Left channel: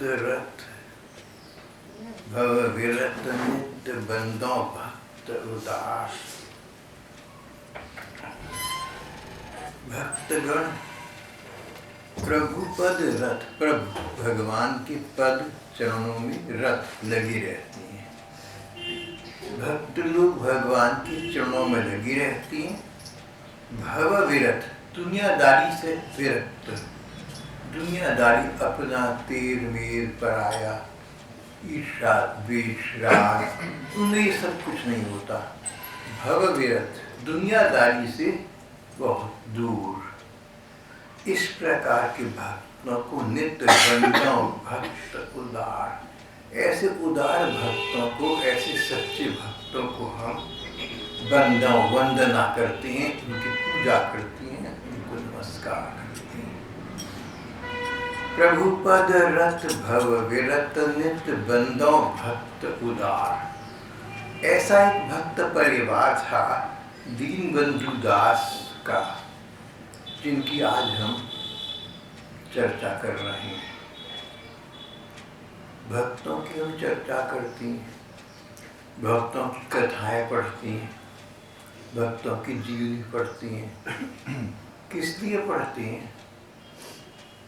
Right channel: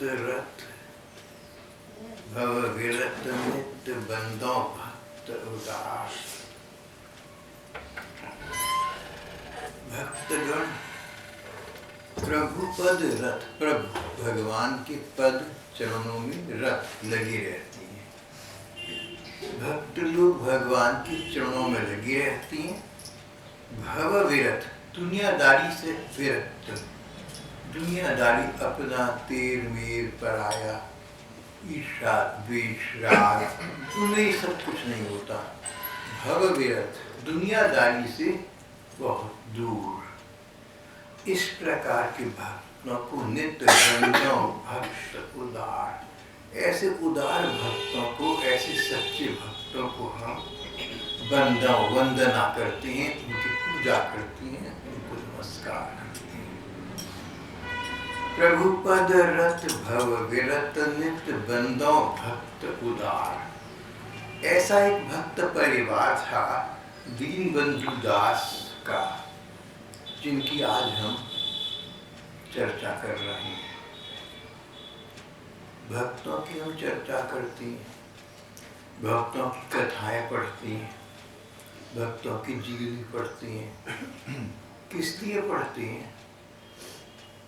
पद रथ भव विरत नित्य बंदों भक्त उदास। भक्तगण प्रभु पद रथ, प्रभु भगवान के पद चरणों में रथ लगी रहती हैं। भक्त लोग भगवान के चरणों में लगी रहती हैं। भव विरत, दुनियादारी से विरत, दुनियादारी अपना तेर मेर पराया, ईर्षा द्वेष राग, उन्हें ये सब कुछ नहीं होता। भव विरत, दुनियादारी से बहुत दूर। इस प्रकार के भक्तों को नित्य बंदों भक्त उदार, ऐसे उदार भक्तों को, ऐसे सच्चे भक्तों को हम बंदों वंदना करते हैं, उनकी पूजा करते हैं, उनको नमस्कार करते हैं। प्रभु पद रत भव विरत नित्य बंदों भक्त उदार। ऐसा एक भक्त परिवार था दीनबंधु दास का, जिनकी आज हम चर्चा कर रहे हैं। भक्तों की हम चर्चा करते हैं, भक्तों की कथाएं पढ़ती हैं, भक्तों की जीवनी पढ़ती हैं। किस लिए पढ़ते हैं?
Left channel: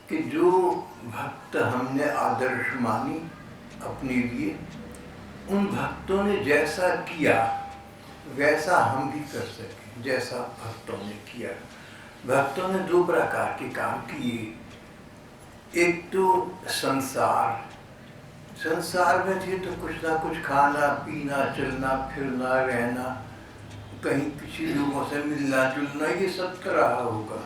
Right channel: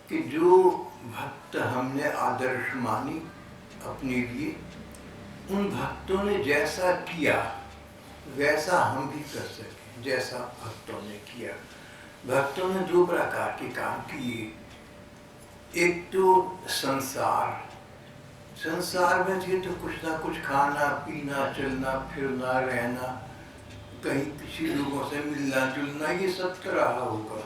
कि जो भक्त हमने आदर्श मानी अपने लिए, उन भक्तों ने जैसा किया वैसा हम भी कर सकें, जैसा भक्तों ने किया। भक्तों ने दो प्रकार के काम किए। एक तो संसार में थे तो कुछ ना कुछ खाना पीना, चलना फिरना, रहना, कहीं किसी लोगों से मिलना जुलना, ये सब तो रहा होगा।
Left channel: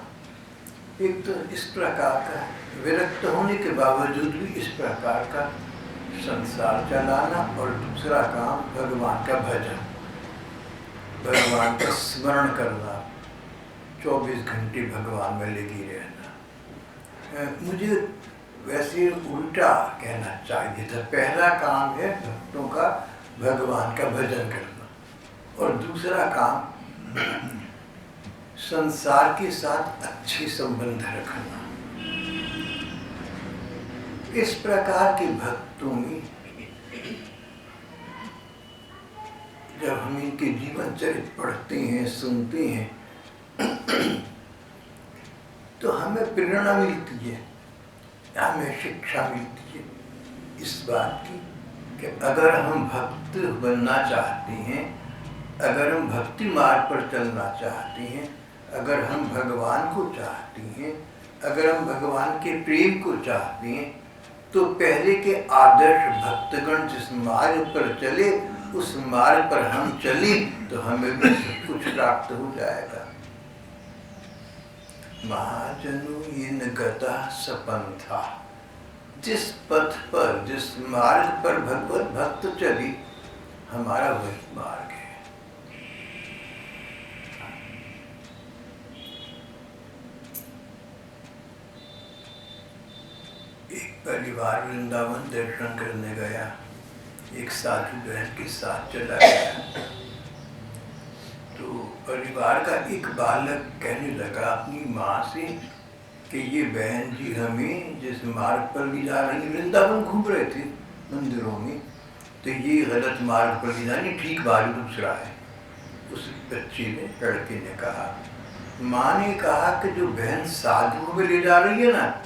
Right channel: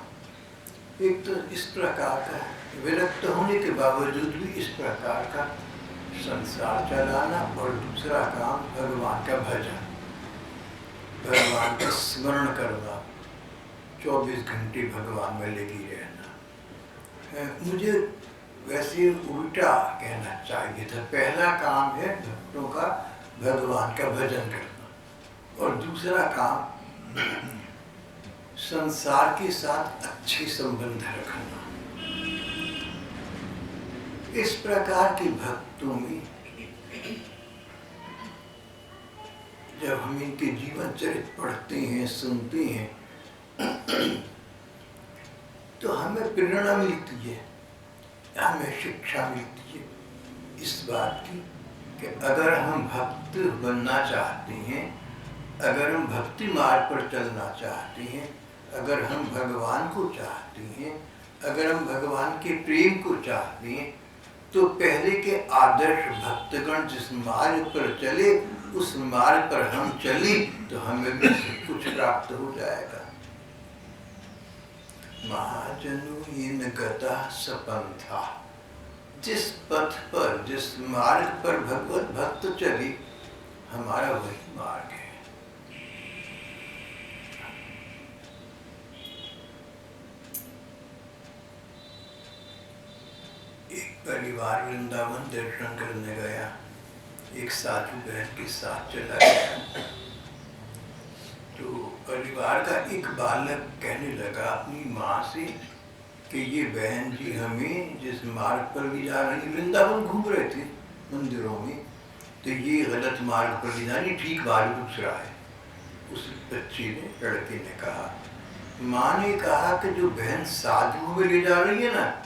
एक तो इस प्रकार का विरक्त होने के बावजूद भी इस प्रकार का संसार चलाना, और दूसरा काम भगवान का भजन, भगवान का स्मरण करना, 24 घंटे भगवान में लगी रहना। मुझे वैसे उल्टा कहना चाहिए था। पहला काम है भक्तों का भगवान का भजन करना, और दूसरा काम संसार के साथ अच्छे संबंध रखना। इस प्रकार के भक्तों में जब हम इनके जीवन चरित्र पढ़ते हैं, सुनते हैं, तो हमें प्रेरणा मिलती है, हमें शिक्षा मिलती है इस बात की कि अगर हम भक्त बनना चाहते हैं, अगर हम भक्ति मार्ग पर चलना चाहते हैं, अगर हम भगवान को चाहते हैं, अगर हम भगवान के प्रेम को चाहते हैं, तो पहले के आदर्श भक्तगण जिस मार्ग पर चले, उस मार्ग पर हम चले तो हमें भी सब कुछ प्राप्त हो जाएगा। महाजनु इन गता सपंथा, जिस पथ पर, जिस मार्ग पर भगवत भक्त चले, हमारा वही मार्ग है। एक परिवार वृंदावन दर्शन करने गया, एक साधु बहन के साथ चला गया। तो परिवार का एक बालक कहने लगा अपनी माँ से कि ये बहन जी हमें जिस मार्ग पर भी जा रही, वृंदावन घूम रहे थे मंदिरों में, तो ये गलत मार्ग पर ले जानी, ठीक मार्ग दूसरा है। उस बच्चे ने, लड़के ने कहा, माँ ने कहा कि जो बहन साधु में ले जा रही है ना,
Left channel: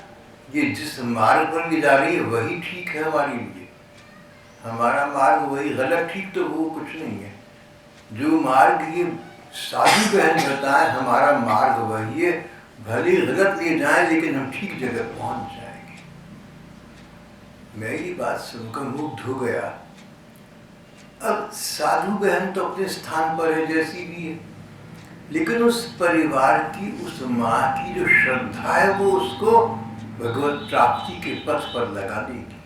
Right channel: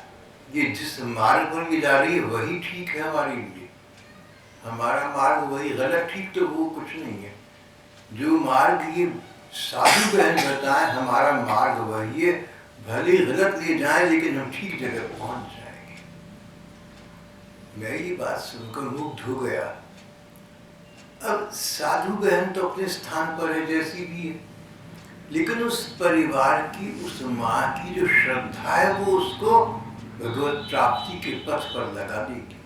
ये जिस मार्ग पर ले जा रही है वही ठीक है हमारे लिए। हमारा मार्ग वही, गलत ठीक तो वो कुछ नहीं है। जो मार्ग ये साधु बहन बताए, हमारा मार्ग वही है। भले गलत ले जाएं लेकिन हम ठीक जगह पहुंच जाएंगे। मैं ये बात सुनकर मुग्ध हो गया। अब साधु बहन तो अपने स्थान पर है जैसी भी है, लेकिन उस परिवार की, उस माँ की जो श्रद्धा है, वो उसको भगवत प्राप्ति के पथ पर लगा देगी।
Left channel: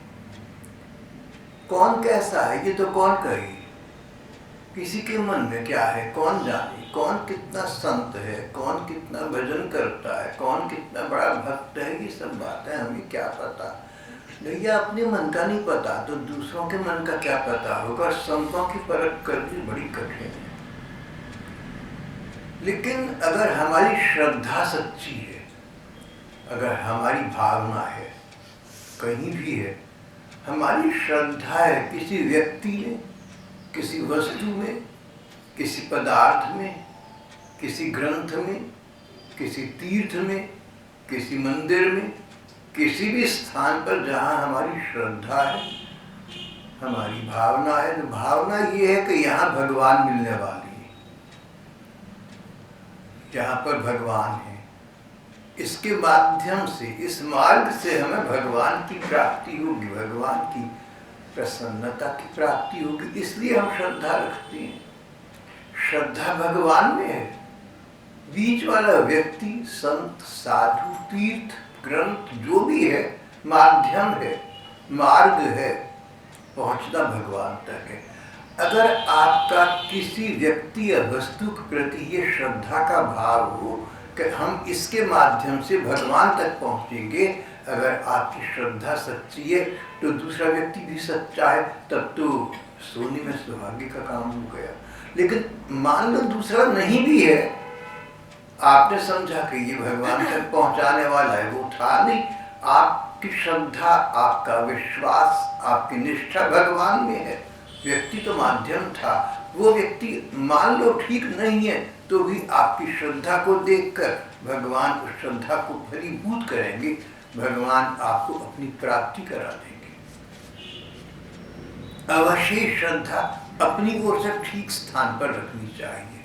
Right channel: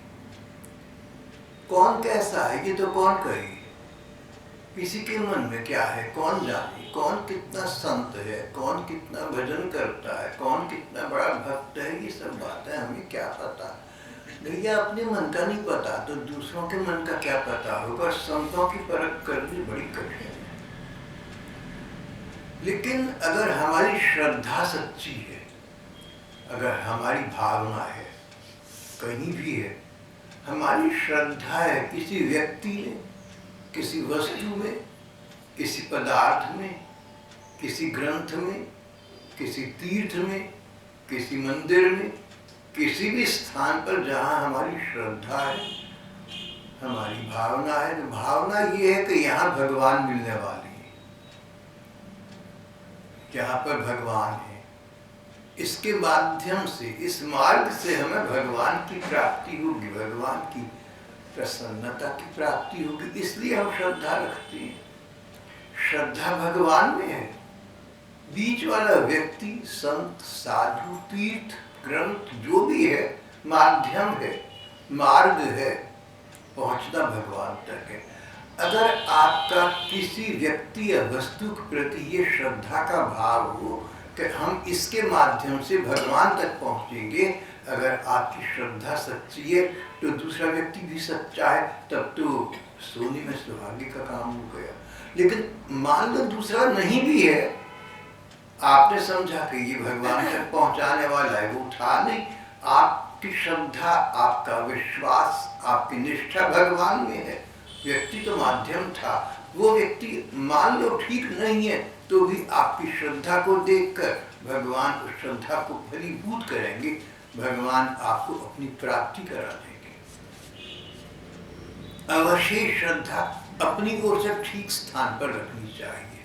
कौन कैसा है ये तो कौन कहे, किसी के मन में क्या है कौन जाने, कौन कितना संत है, कौन कितना भजन करता है, कौन कितना बड़ा भक्त है, ये सब बातें हमें क्या पता। भैया अपने मन का नहीं पता तो दूसरों के मन का क्या पता होगा। संतों की परख करनी बड़ी कठिन है। लेकिन अगर हमारी श्रद्धा सच्ची है, अगर हमारी भावना है, कहीं भी है, हमारी श्रद्धा है किसी व्यक्ति में, किसी वस्तु में, किसी पदार्थ में, किसी ग्रंथ में, किसी तीर्थ में, किसी मंदिर में, किसी भी स्थान पर जहाँ हमारी श्रद्धा है, हमारी भावना है, तो भावना ये है कि यहाँ भगवान मिलने वाली है, जहाँ पर भगवान है, इसके माध्यम से, इस मार्ग से हमें भगवान की प्राप्ति होगी, भगवान की प्रसन्नता की प्राप्ति होगी। इसलिए हम श्रद्धा रखते हैं। श्रद्धा भगवान में है। बीच वाला व्यक्ति, संत, साधु, तीर्थ, ग्रंथ जो भी है, माध्यम है, मार्ग है, पहुंचना भगवान तक है। अगर आपका किसी व्यक्ति या वस्तु के प्रति ये श्रद्धा का भाव हो कि हम इसके माध्यम से भगवान तक पहुंचेंगे, अगर आपकी श्रद्धा सच्ची है तो दूसरा व्यक्ति भी सच्चा है, तब तो सोने में सुहागे का काम हो गया। लेकिन मान लो दूसरा नहीं भी है, आपने समझा कि ये भगवान तक पहुंचाने वाला है, वो था नहीं। आपकी श्रद्धा, आपका विश्वास, आपकी निष्ठा भगवान में है, व्यक्ति तो माध्यम था। वो व्यक्ति मान लो ठीक नहीं है तो भी आपकी श्रद्धा को देखकर भगवान उस श्रद्धा को फलीभूत करेंगे, भगवान आपको अपनी प्राप्ति करा देंगे। अवश्य श्रद्धा अपनी ओर से ठीक स्थान पर रखनी चाहिए।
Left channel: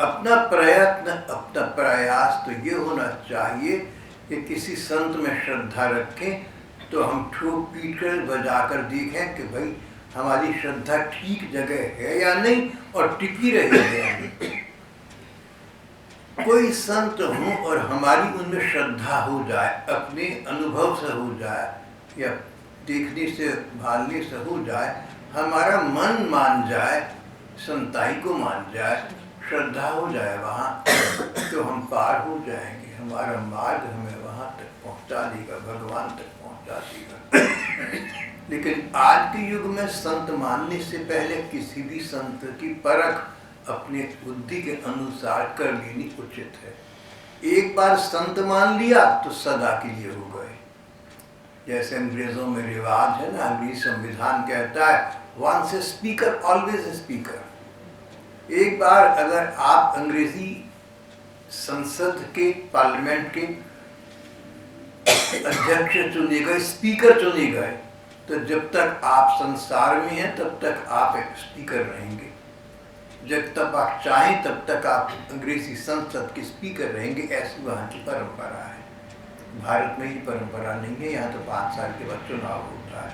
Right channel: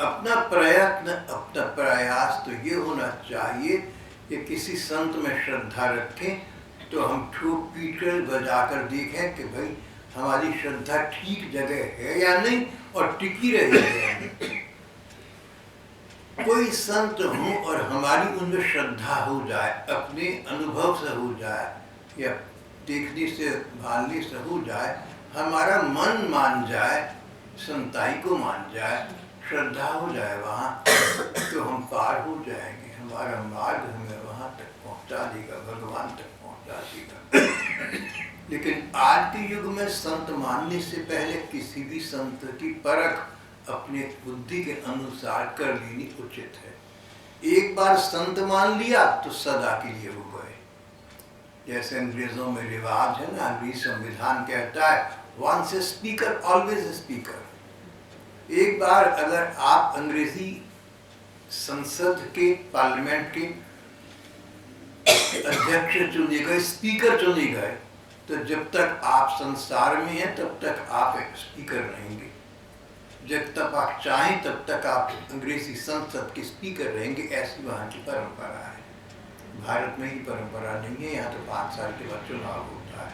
अपना प्रयत्न, अपना प्रयास तो ये होना चाहिए कि किसी संत में श्रद्धा रखें तो हम ठोक पीट कर बजाकर देखें कि भाई हमारी श्रद्धा ठीक जगह है या नहीं और टिकी रही है। कोई संत हो और हमारी उनमें श्रद्धा हो जाए, अपने अनुभव से हो जाए या देखने से, भालने से हो जाए, हमारा मन मान जाए, संताई को मान जाए, श्रद्धा हो जाए वहाँ, तो हम पार हो जाएंगे। हमारा मार्ग हमें वहाँ तक पहुँचा देगा, भगवान तक पहुँचा देगा। लेकिन आज के युग में संत मानने से पहले किसी भी संत की परख अपने बुद्धि के अनुसार कर लेनी उचित है। एक बार संत मान लिया तो सदा के लिए हो गए। जैसे अंग्रेजों में रिवाज है ना, अंग्रेजी संविधान कहता है once a speaker always a speaker. एक बार अगर आप अंग्रेजी संसद के, पार्लियामेंट के अध्यक्ष चुने गए, स्पीकर चुने गए, तो जब तक आप संसार में हैं तब तक आप एक स्पीकर रहेंगे। जब तक आप चाहें तब तक आप अंग्रेजी संसद के स्पीकर रहेंगे। ऐसी वहाँ की परंपरा है। भारत में ही परंपरा नहीं है। यहाँ तो 5 साल के बाद चुनाव होता है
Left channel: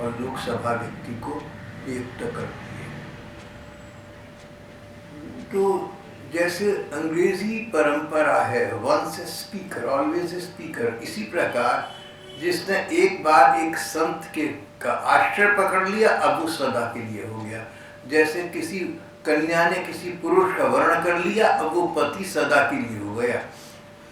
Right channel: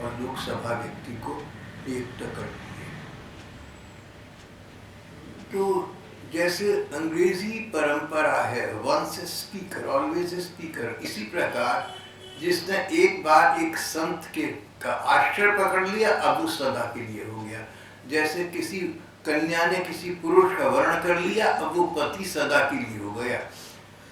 और लोकसभा व्यक्ति को नियुक्त करती है। तो जैसे अंग्रेजी परंपरा है once a speaker always a speaker, इसी प्रकार जिसने एक बार एक संत के का आश्रय पकड़ लिया अब वो सदा के लिए हो गया। जैसे किसी कन्या ने किसी पुरुष का वर्ण कर लिया, अब वो पति सदा के लिए हो गया।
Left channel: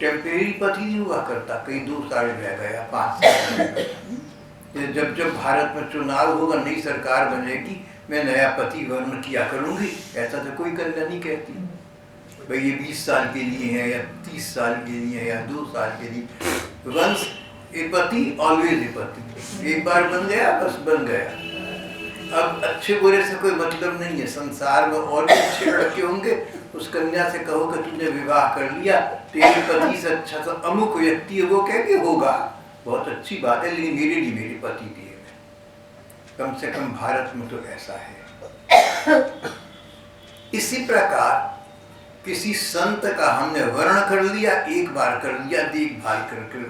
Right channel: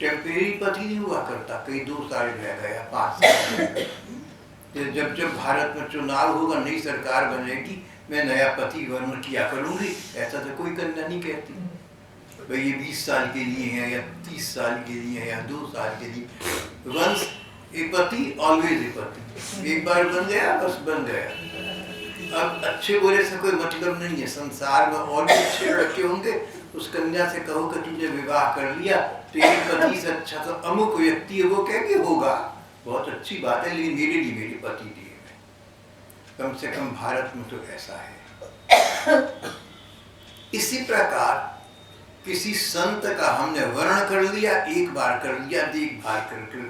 टेम्परेरी पति नहीं हुआ करता, कहीं 2 साल रह गया, 5 साल रह गया। जब जब भारत में चुनाव होगा, नई सरकार बनेगी, मैं नया पति वर्ण किया करूंगी, ऐसा तो कोई कन्या नहीं कहती। भाई ये 20 साल के लिए है या 30 साल के लिए या 2 साल के लिए। वंस ए पति ऑलवेज ए पति, एक बार बन गया बस बन गया। अब अच्छे बुरे से कोई मतलब नहीं है। संसार में और भी अच्छे लड़के होंगे, उस कन्या से कहो कि तुमने विवाह कर लिया, तेरे पति से अच्छा तो अमुक व्यक्ति है, वो कह के होगा, बहुत अच्छी बात है, लेकिन मेरे लिए मेरे पति दिए गए। कम से कम भारत में तो ऐसा है। इसी प्रकार किसी संत का हमने वर्ण कर लिया, एक बार कर लिया, देखभाल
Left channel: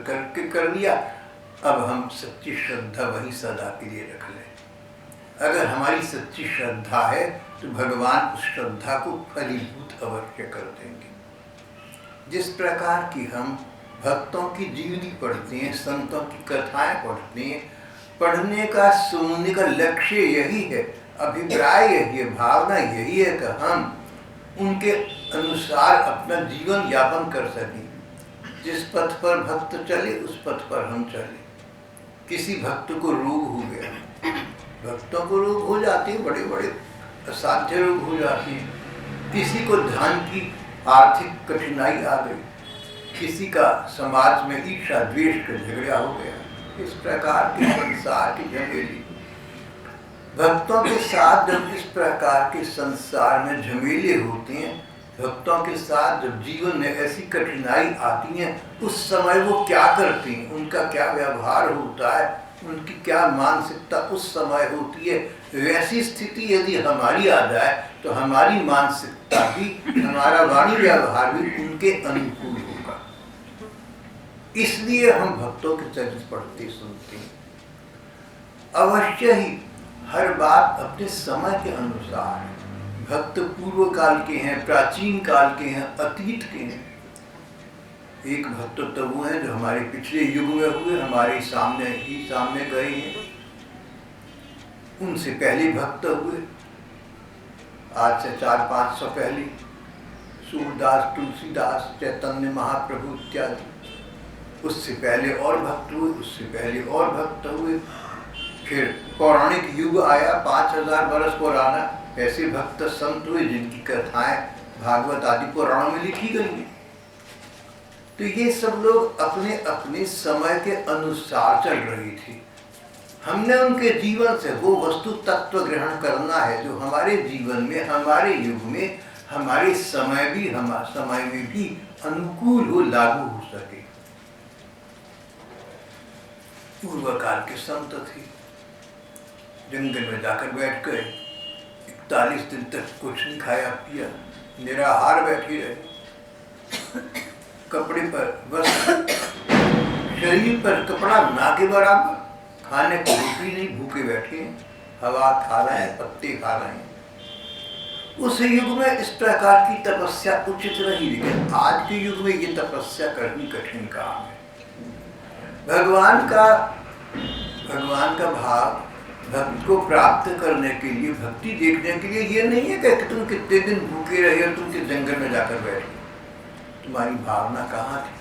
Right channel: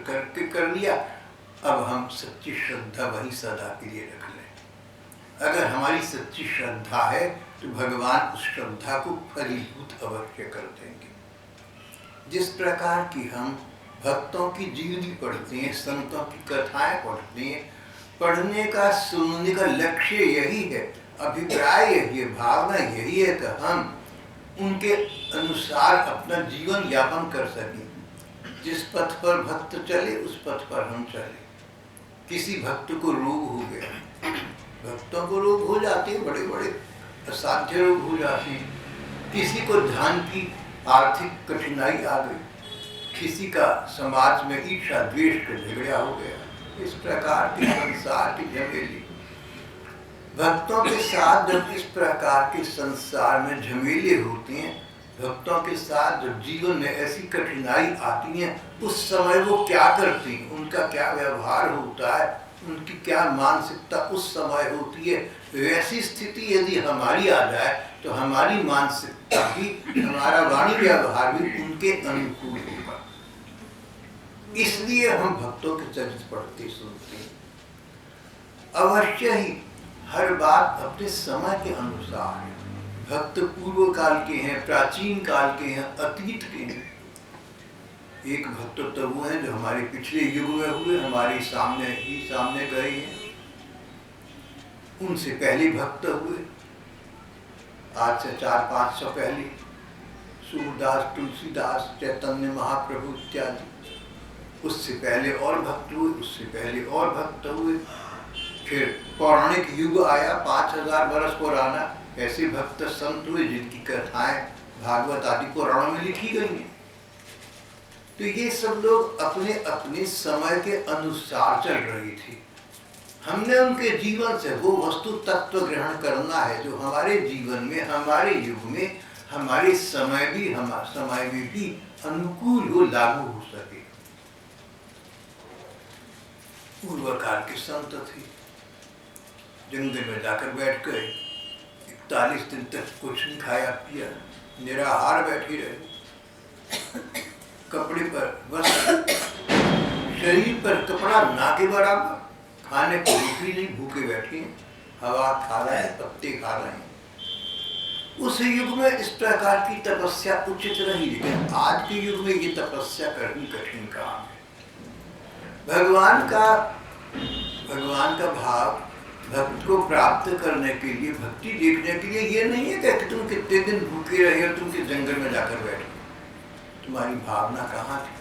करके कर लिया, अब हम सच्ची श्रद्धा वही सदा के लिए रख लें। अगर हमारी सच्ची श्रद्धा है तो भगवान उस श्रद्धा को फलीभूत अवश्य कर देंगे। जिस प्रकार की हम भक्तों की जीवनी पढ़ते हैं, संतों की कथाएं पढ़ते हैं, पढ़ने का, सुनने का लक्ष्य यही है, अभिप्राय यही है, भावना यही है कि हम उनके अनुसार अपना जीवन यापन कर सकें। जिस पथ पर भक्त चले उस पथ पर हम चले। किसी भक्त को रोग हो गया, भक्तों को रोग हो जाते हैं, बड़े बड़े असाध्य रोग हो जाते हैं। किसी को धन की आर्थिक कठिनाई आ गई, किसी का समाज में ईर्ष्या द्वेष का झगड़ा हो गया, इस प्रकार के संसार की झमेली, भक्तों के साथ जब इस प्रकार के संसार में झमेले होते हैं, भक्तों के साथ जब जीवन में ऐसी कठिनाई आती है, उस समय वो क्या करती हैं, उनका क्या व्यवहार होता है, उनकी क्या मानसिकता उस समय होती है। वैसी स्थिति यदि हमारी आ जाए तो हमारी मानसिकता भी, हमारा वाणी व्यवहार भी उनके अनुकूल होगा। इसलिए हम भक्तों के चरित्र पढ़ते सुनते हैं। अवश्य ही हर बात अपने समय के अनुसार है। भक्त पूर्व काल के हैं, प्राचीन काल के हैं, अतीत के हैं। एक भक्त तो वो हैं जो हमारे पिछले युग में हुए, हमारे सामने गए हैं। उनसे पहले भक्त हुए, आज से 400-500 पहले सूरदास, तुलसीदास, चैतन्य महाप्रभु इत्यादि। उससे पहले और भक्त हुए, उससे पहले और भक्त हुए। फिर पौराणिक युग आया, 5000 वर्ष पुराना, ऐसे भक्त संत हुए जिनकी कथाएं भागवत आदि पुराणों में लिखी गई हैं। तो ये सब लोग अपने अपने समय के अनुसार चल रही थी। हमने उनके जीवन से वो वस्तु तत्व ग्रहण करना है जो हमारे जीवन में, हमारे युग में, हमारे समय में भी अनुकूल हो, लागू हो सके। पूर्व काल के संत थे, जंगल में जाकर बैठ गए, 41 दिन तक कुछ नहीं खाया पिया, निराहार बैठे रहे। कपड़े पर वस्त्र, शरीर पर कपड़ा ना के बराबर, खाने को रोटी नहीं, भूखे बैठे हैं, हवा खा रहे हैं, पत्ते खा रहे हैं। उस युग में इस प्रकार की तपस्या उचित रही, लेकिन आज के युग में ये तपस्या करनी कठिन काम है। भगवान का भाव भक्त को प्राप्त करने के लिए, भक्ति देखने के लिए ये नहीं है कि तुम कितने दिन भूखे रहे और तुम किस जंगल में जाकर बैठे। तुम्हारी भावना कहाँ थी,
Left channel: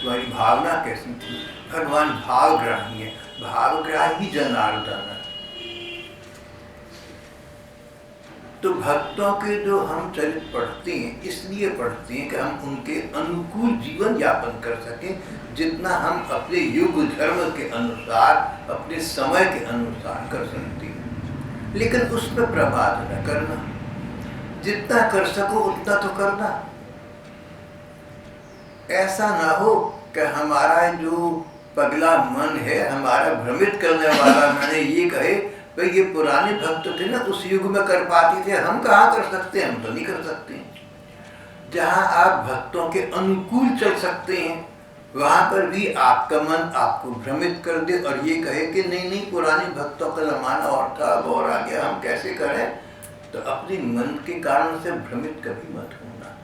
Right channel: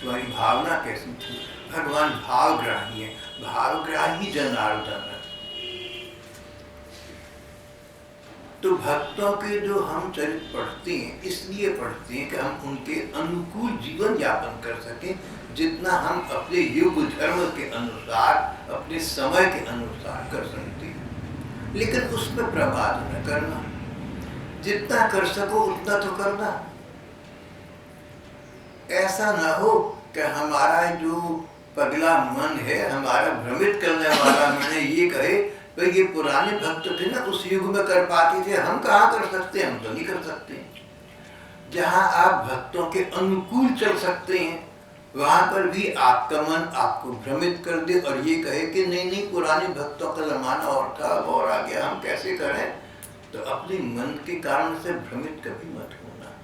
तुम्हारी भावना कैसी थी? भगवान भावग्राही है, भावग्राही जनार्दन। तो भक्तों के जो हम चरित्र पढ़ते हैं, इसलिए पढ़ते हैं कि हम उनके अनुकूल जीवन यापन कर सकें, जितना हम अपने युग धर्म के अनुसार, अपने समय के अनुसार कर सकते हैं। लेकिन उसमें प्रमाद न करना, जितना कर सको उतना तो करना। ऐसा ना हो कि हमारा जो पगला मन है, हमारा भ्रमित करने वाला मन है, ये कहे भाई ये पुराने भक्त थे ना, उस युग में कर पाते थे, हम कहाँ कर सकते हैं, हम तो नहीं कर सकते। जहाँ आप भक्तों के अनुकूल चल सकते हैं, वहाँ पर भी आपका मन आपको भ्रमित कर दे और ये कहे कि नहीं पुराने भक्तों का जमाना और था, अब और आ गया, हम कैसे करें। तो अपने मन के कारण से भ्रमित कभी मत होना।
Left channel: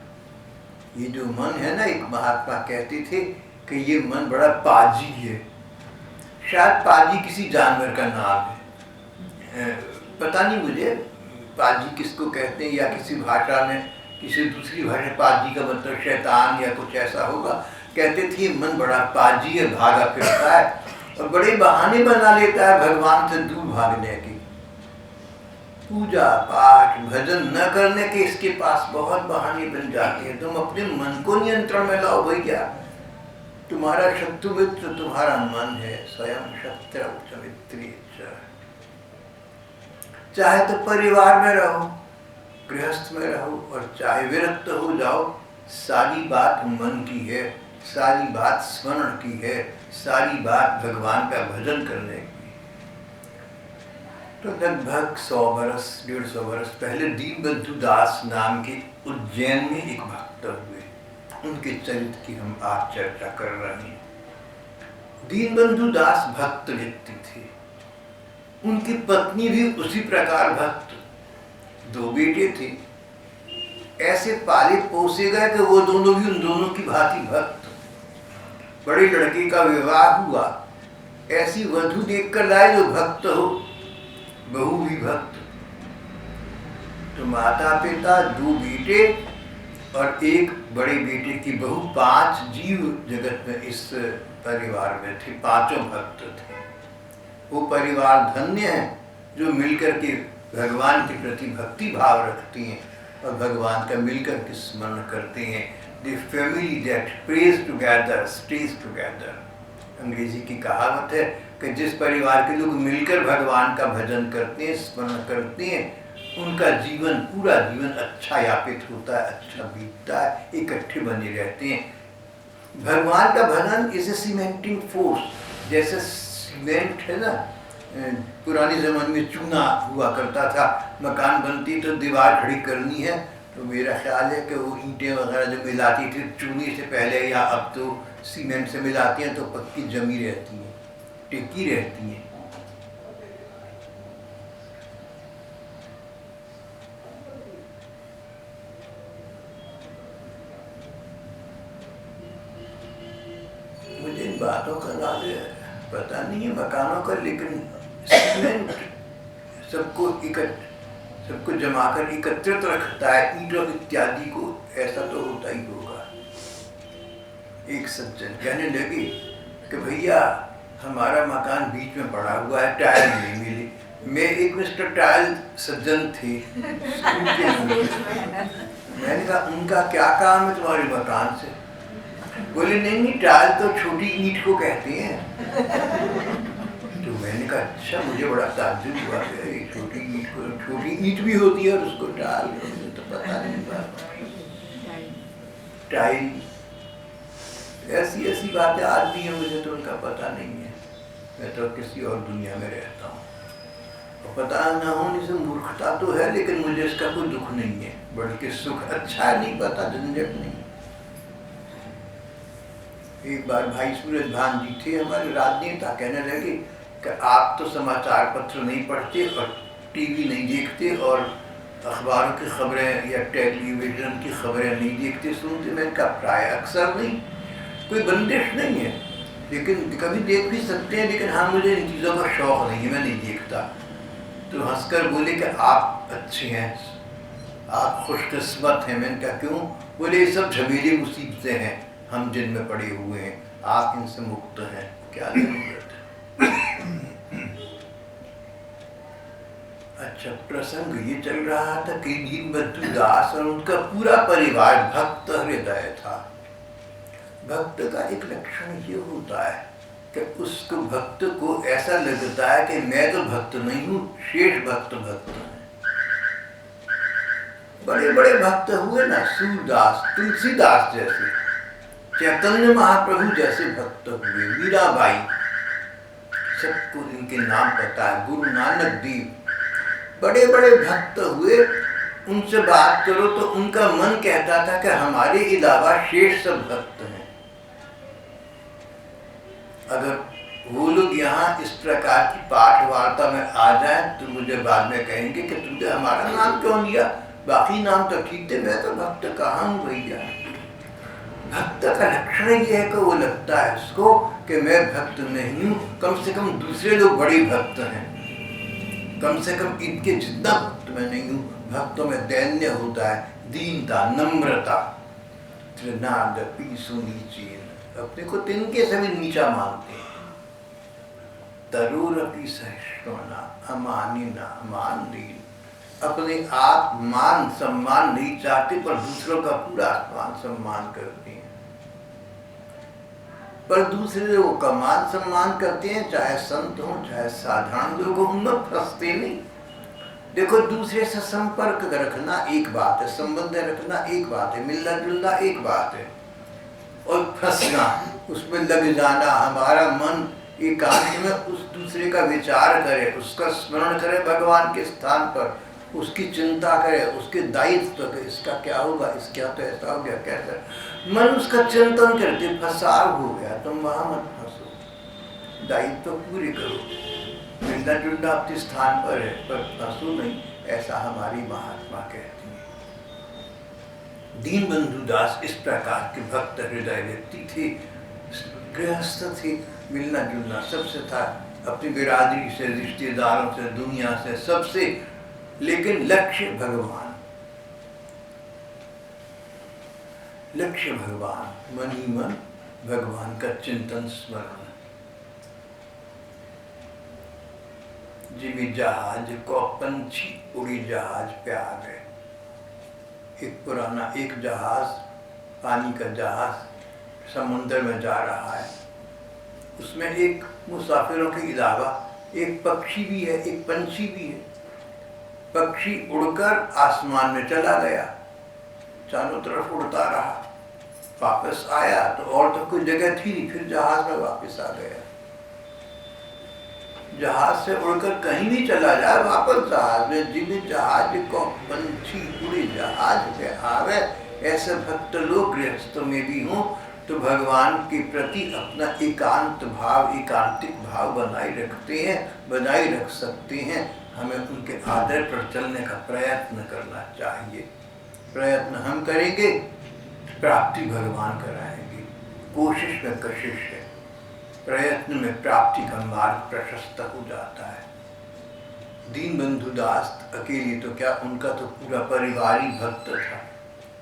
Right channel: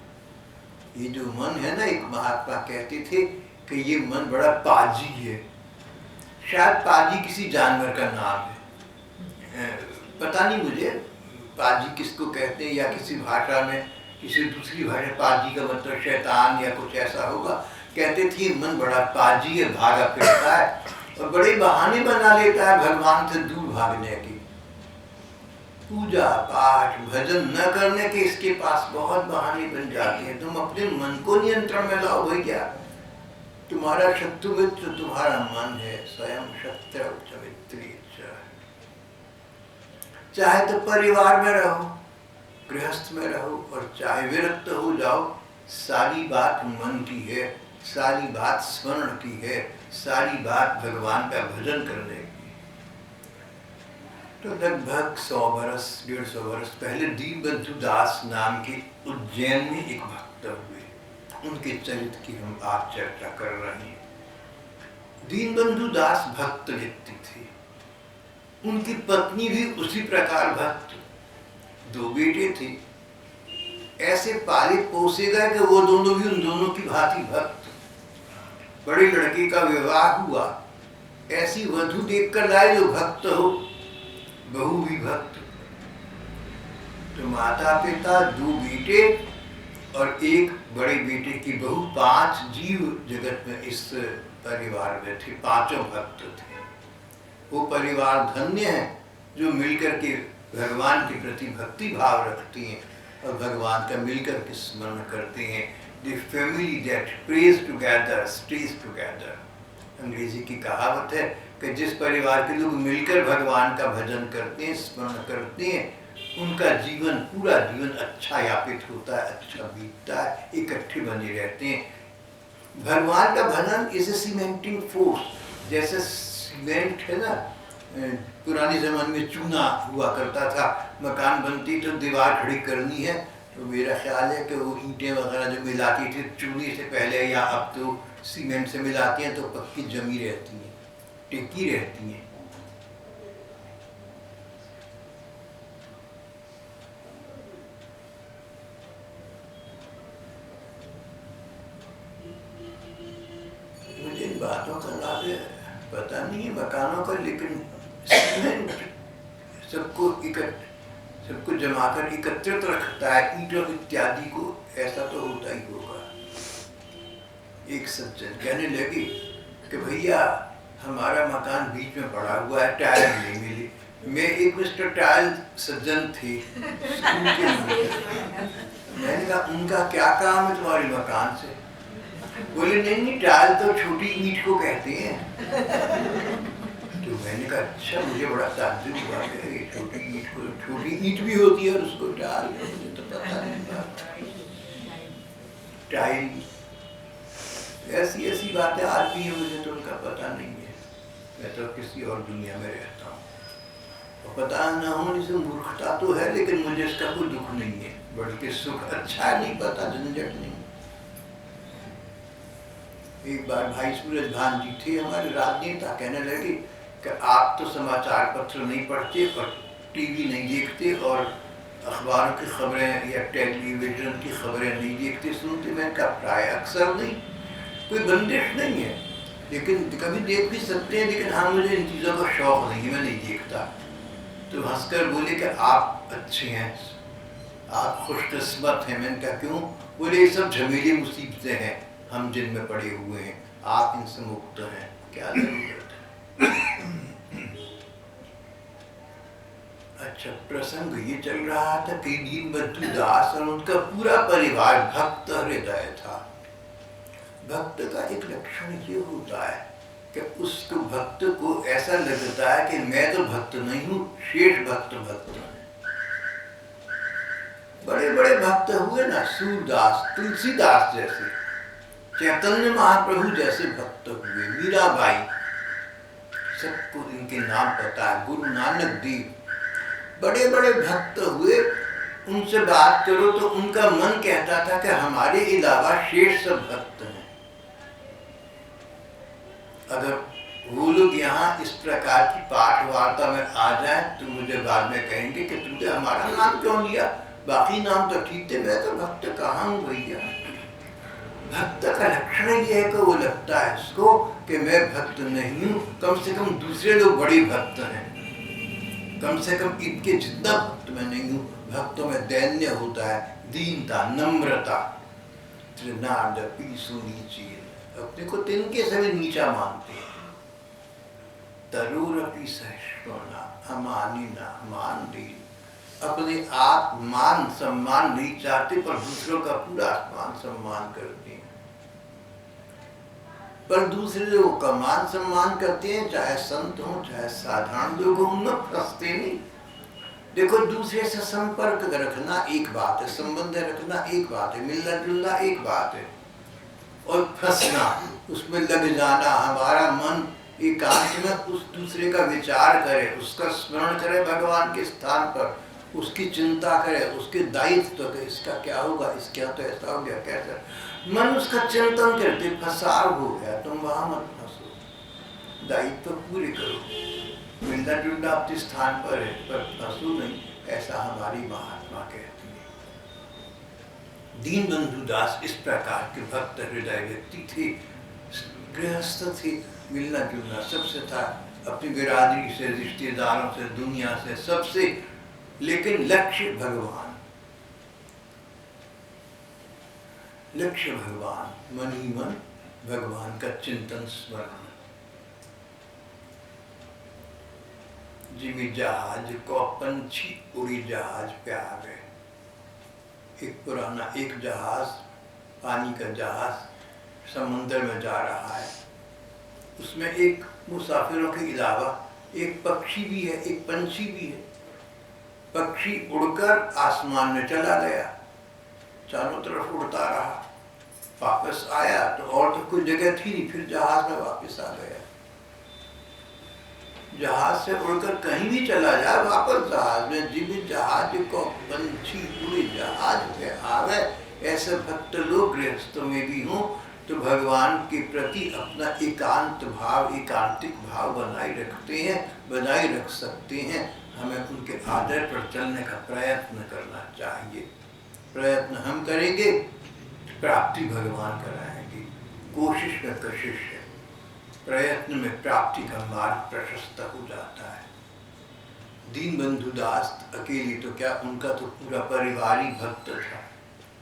ये जो मन है ना, एक महात्मा कहते थे कि ये मन बड़ा पाजी है। शायद पाजी किसी जानवर का नाम है, पता नहीं मुझे पाजी किसको कहते हैं, या किसी भाषा में, किसी दूसरी भाषा में पाजी का मतलब शैतान या कुछ ऐसा होगा। कहते थे मन बड़ा पाजी है, भागा फिरता है और बड़े बहाने बना लेता है भगवान से दूर भागने की। पूजा पाठ भजन न करने के इसके पास बहुत बहाने बन जाते हैं। तुम अपने मन को नियंत्रण में लाओ भैया। तुम्हारा शत्रु मित्र तुम्हारा मन है, स्वयं शत्रु च मित्री च। चाहे तो परिवार में रहो, गृहस्थ में रहो, और चाहे विरक्त हो जाओ, सारी बात मन की है, सारी बात स्मरण की है, सारी बात भगवान का भजन करने की। तो लगभग 100-150 वर्ष पहले दीनबंधु दास नाम के उज्जैन में एक भक्त हुए। उनके चरित्र की हम आज चर्चा कर रहे हैं। दीनबंधु दास भक्त व्यक्ति थे। उनकी पत्नी भी उसी प्रकार भक्त। 2 बेटे थे, ऐसे पाले पोसे गए कि वो दोनों भी उन दोनों की भांति भक्त। बड़े लड़के का विवाह हुआ, ऐसी वधू देखकर लाए जो भक्त हो, बहू भी भक्त। तो माता पिता, 2 बेटे और एक बड़े बेटे की बहू, 5 जीव जगत में इस परिवार में थे, 5 भक्त थे। वो परिवार धन्य है जो मिलकर के भगवान के प्रति भक्ति भाव रखती हैं और भगवान का मिलकर के स्मरण करते हैं। The family that praise together stage together. अंग्रेजी की कहावत है कि जिस परिवार के लोग मिलकर भगवान का भजन करते हैं, स्मरण करते हैं, उनका जीवन, पूरा जीवन अच्छा यापित होता है, अच्छा बीतता है, इकट्ठे बने रहते हैं। भगवान का भजन इज ए सीमेंटिंग फोर्स। जैसे सीमेंट है ना, पुराने ज़माने में चूना हुआ करता था, मकान बनती तो दीवार खड़ी करनी है तो मेरा ख्याल है कि वो ईंटें वगैरह जो मिलाती थी चूने से पहले, या अब तो सीमेंट से मिलाती हैं तो पक्की जमी रहती हैं, टिकी रहती हैं। मुझे इन बातों का नाले पता नहीं है मकानों का, लेकिन सीमेंट सबको जमाकर एकत्रित रखता है, ईंटों इत्यादि को, ऐसा तो होता ही होगा। एक सज्जन कहने लगे कि भैया हमारा मकान बीच में पड़ा हुआ है, टाइल नहीं मिली। मैं एक मिस्टर टाइल सज्जन थे स्कूल के मैंने कहा उनका क्या काम है तुम्हारे मकान से? बोले नहीं टाइल तो छोटी ईंट को कहते हैं। तो मैंने कहा अच्छा, मुझे बड़ा ताज्जुब हुआ कि छोटी ईंट को, छोटी ईंट भी होती है और उसको टाइल, मुझे तो पता नहीं बात। टाइल, ऐसी ऐसी बातें आज भी हैं, मुझे तो उनका पता नहीं है। मैं तो किसी और दुनिया में रहता हूँ, और पता न होने से मूर्खता तो है, लेकिन मुझे इसका कोई दुख नहीं है, बल्कि सुख। अच्छा है, नहीं पता, झंझट नहीं। एक बार भाई सूरज भान जी थे हमारे राजनेता, कहने लगे कि आप तो समाचार पत्र नहीं पढ़ते और टीवी नहीं देखते और अखबारों की खबरें या टेलीविज़न की खबरें नहीं देखते सुनते। मैंने कहा प्राय अक्सर नहीं, कोई बंदिश नहीं है, लेकिन कभी देख भी सकते हैं, लेकिन हाँ मुझे इन चीज़ों का शौक़ नहीं है, मैं नहीं देखता। तो हंसकर बोले कि आप अच्छे हैं, आप खुशकिस्मत हैं। मैंने कहा क्यों? बोले ये सब झमेली मुसीबतें हैं हम जिनमें पड़े हुए हैं, आप इनसे मुक्त हैं, क्या जरूरत है। अच्छा, प्रसंग ये चल रहा था कि दीनबंधु दास और उनका पूरा परिवार भक्त हृदय था। भक्त का एक लक्षण ये होता है कि उसको, भक्त को ऐसा लगता है कि मैं तो भक्त नहीं हूँ, शेष भक्त भक्त हैं। बड़े बड़े भक्त हुए ना, सूरदास, तुलसीदास जैसे, चैतन्य महाप्रभु जैसे भक्त हुए, मीराबाई, सबको इनके नाम पता है, गुरु नानक देव, बड़े बड़े भक्त हुए। उनसे बात करो तो उनका मन कहता था कि हमारे अलावा शेष सब भक्त हैं। अगर वो लोग यहाँ इस प्रकार की पाठ वार्ता में आ जाए तो मुझे बाद में कहेंगे कि तुमने हमारा नाम क्यों लिया, बाकी नाम तो ठीक थे, मैं तो भक्त कहाँ हूँ भैया। भक्त का लक्षण ये है कि वो लगता है उसको कि मैं भक्त नहीं हूँ, कम से कम दूसरे लोग बड़े भक्त हैं, कम से कम इनके जितना भक्त मैं नहीं हूँ। भक्तों में दैन्य होता है, दीनता, नम्रता, त्रिनादपि सुनीचीन, अपने को तिनके से भी नीचा मानते हैं। तरुरपि सहिष्णुना अमानिना मान दीन, अपने आप मान सम्मान नहीं चाहते पर दूसरों का पूरा मान सम्मान करते हैं। पर दूसरे लोगों का मान सम्मान करते हैं, चाहे संत हो चाहे साधारण लोग, उनमें फंसते नहीं। देखो, दूसरे से संपर्क रखना एक बात है, संबंध रखना एक बात है, मिलना जुलना एक बात है, और फंसना, उसमें लग जाना, हमारा मन एकांत में उस दूसरे का विचार करे, उसका स्मरण करे, भगवान के स्थान पर उसकी चिंता करे, उसके दायित्व के, इसका क्या होगा, इसका तो ऐसा हो गया, कैसा, मन उसका चिंतन करते, फंसाव हो गया, तुम वहां मत फंसो, दायित्व पूरे करो, मिलना जुलना अपने स्थान पर है, पर फंसो नहीं, ऐसा हमारी महात्मा कहती है। दीनबंधु दास इस प्रकार के भक्त हृदय व्यक्ति थे, गृहस्थ थे, मिलना जुलना सबसे था, अपनी बिरादरी से, रिश्तेदारों से, दुनिया से, सबसे, लेकिन लक्ष्य भगवान, लक्ष्य भगवान, मन ही मन भगवान का चिंतन स्मरण। जिमी जहाज को पंछी उड़ी जहाज पे आ गए। एक पुराना एक जहाज, पानी का जहाज समुद्र में जा रहा है, उसमें एक मुसाफिरों के अलावा एक पक्षी भी है, एक पंछी भी है। पक्षी उड़कर आसमान में चला गया, चारों तरफ उड़ता रहा, वापस आया तो और तो कोई जगह थी नहीं, फिर जहाज में वापस आ गया। जहाज से उड़कर कहीं भी चला जाए वापस जहाज में, जीवित जहाज को पंछी उड़े जहाज पे आवे। ऐसे भक्त लोग गृहस्थ में भी हों तो भगवान के प्रति अपना एकांत भाव, एकांतिक भाव बनाए रखते हैं, बनाए रख सकते हैं। हमें उनके आदर पर चलने का प्रयत्न करना चाहिए। प्रयत्न हम करेंगे, प्राप्ति भगवान कराएंगे। कोशिश में कशिश है, प्रयत्न में प्राप्ति का मार्ग प्रशस्त हो जाता है। दीनबंधु दास अकेले तो क्या, उनका तो पूरा परिवार ही भक्त था।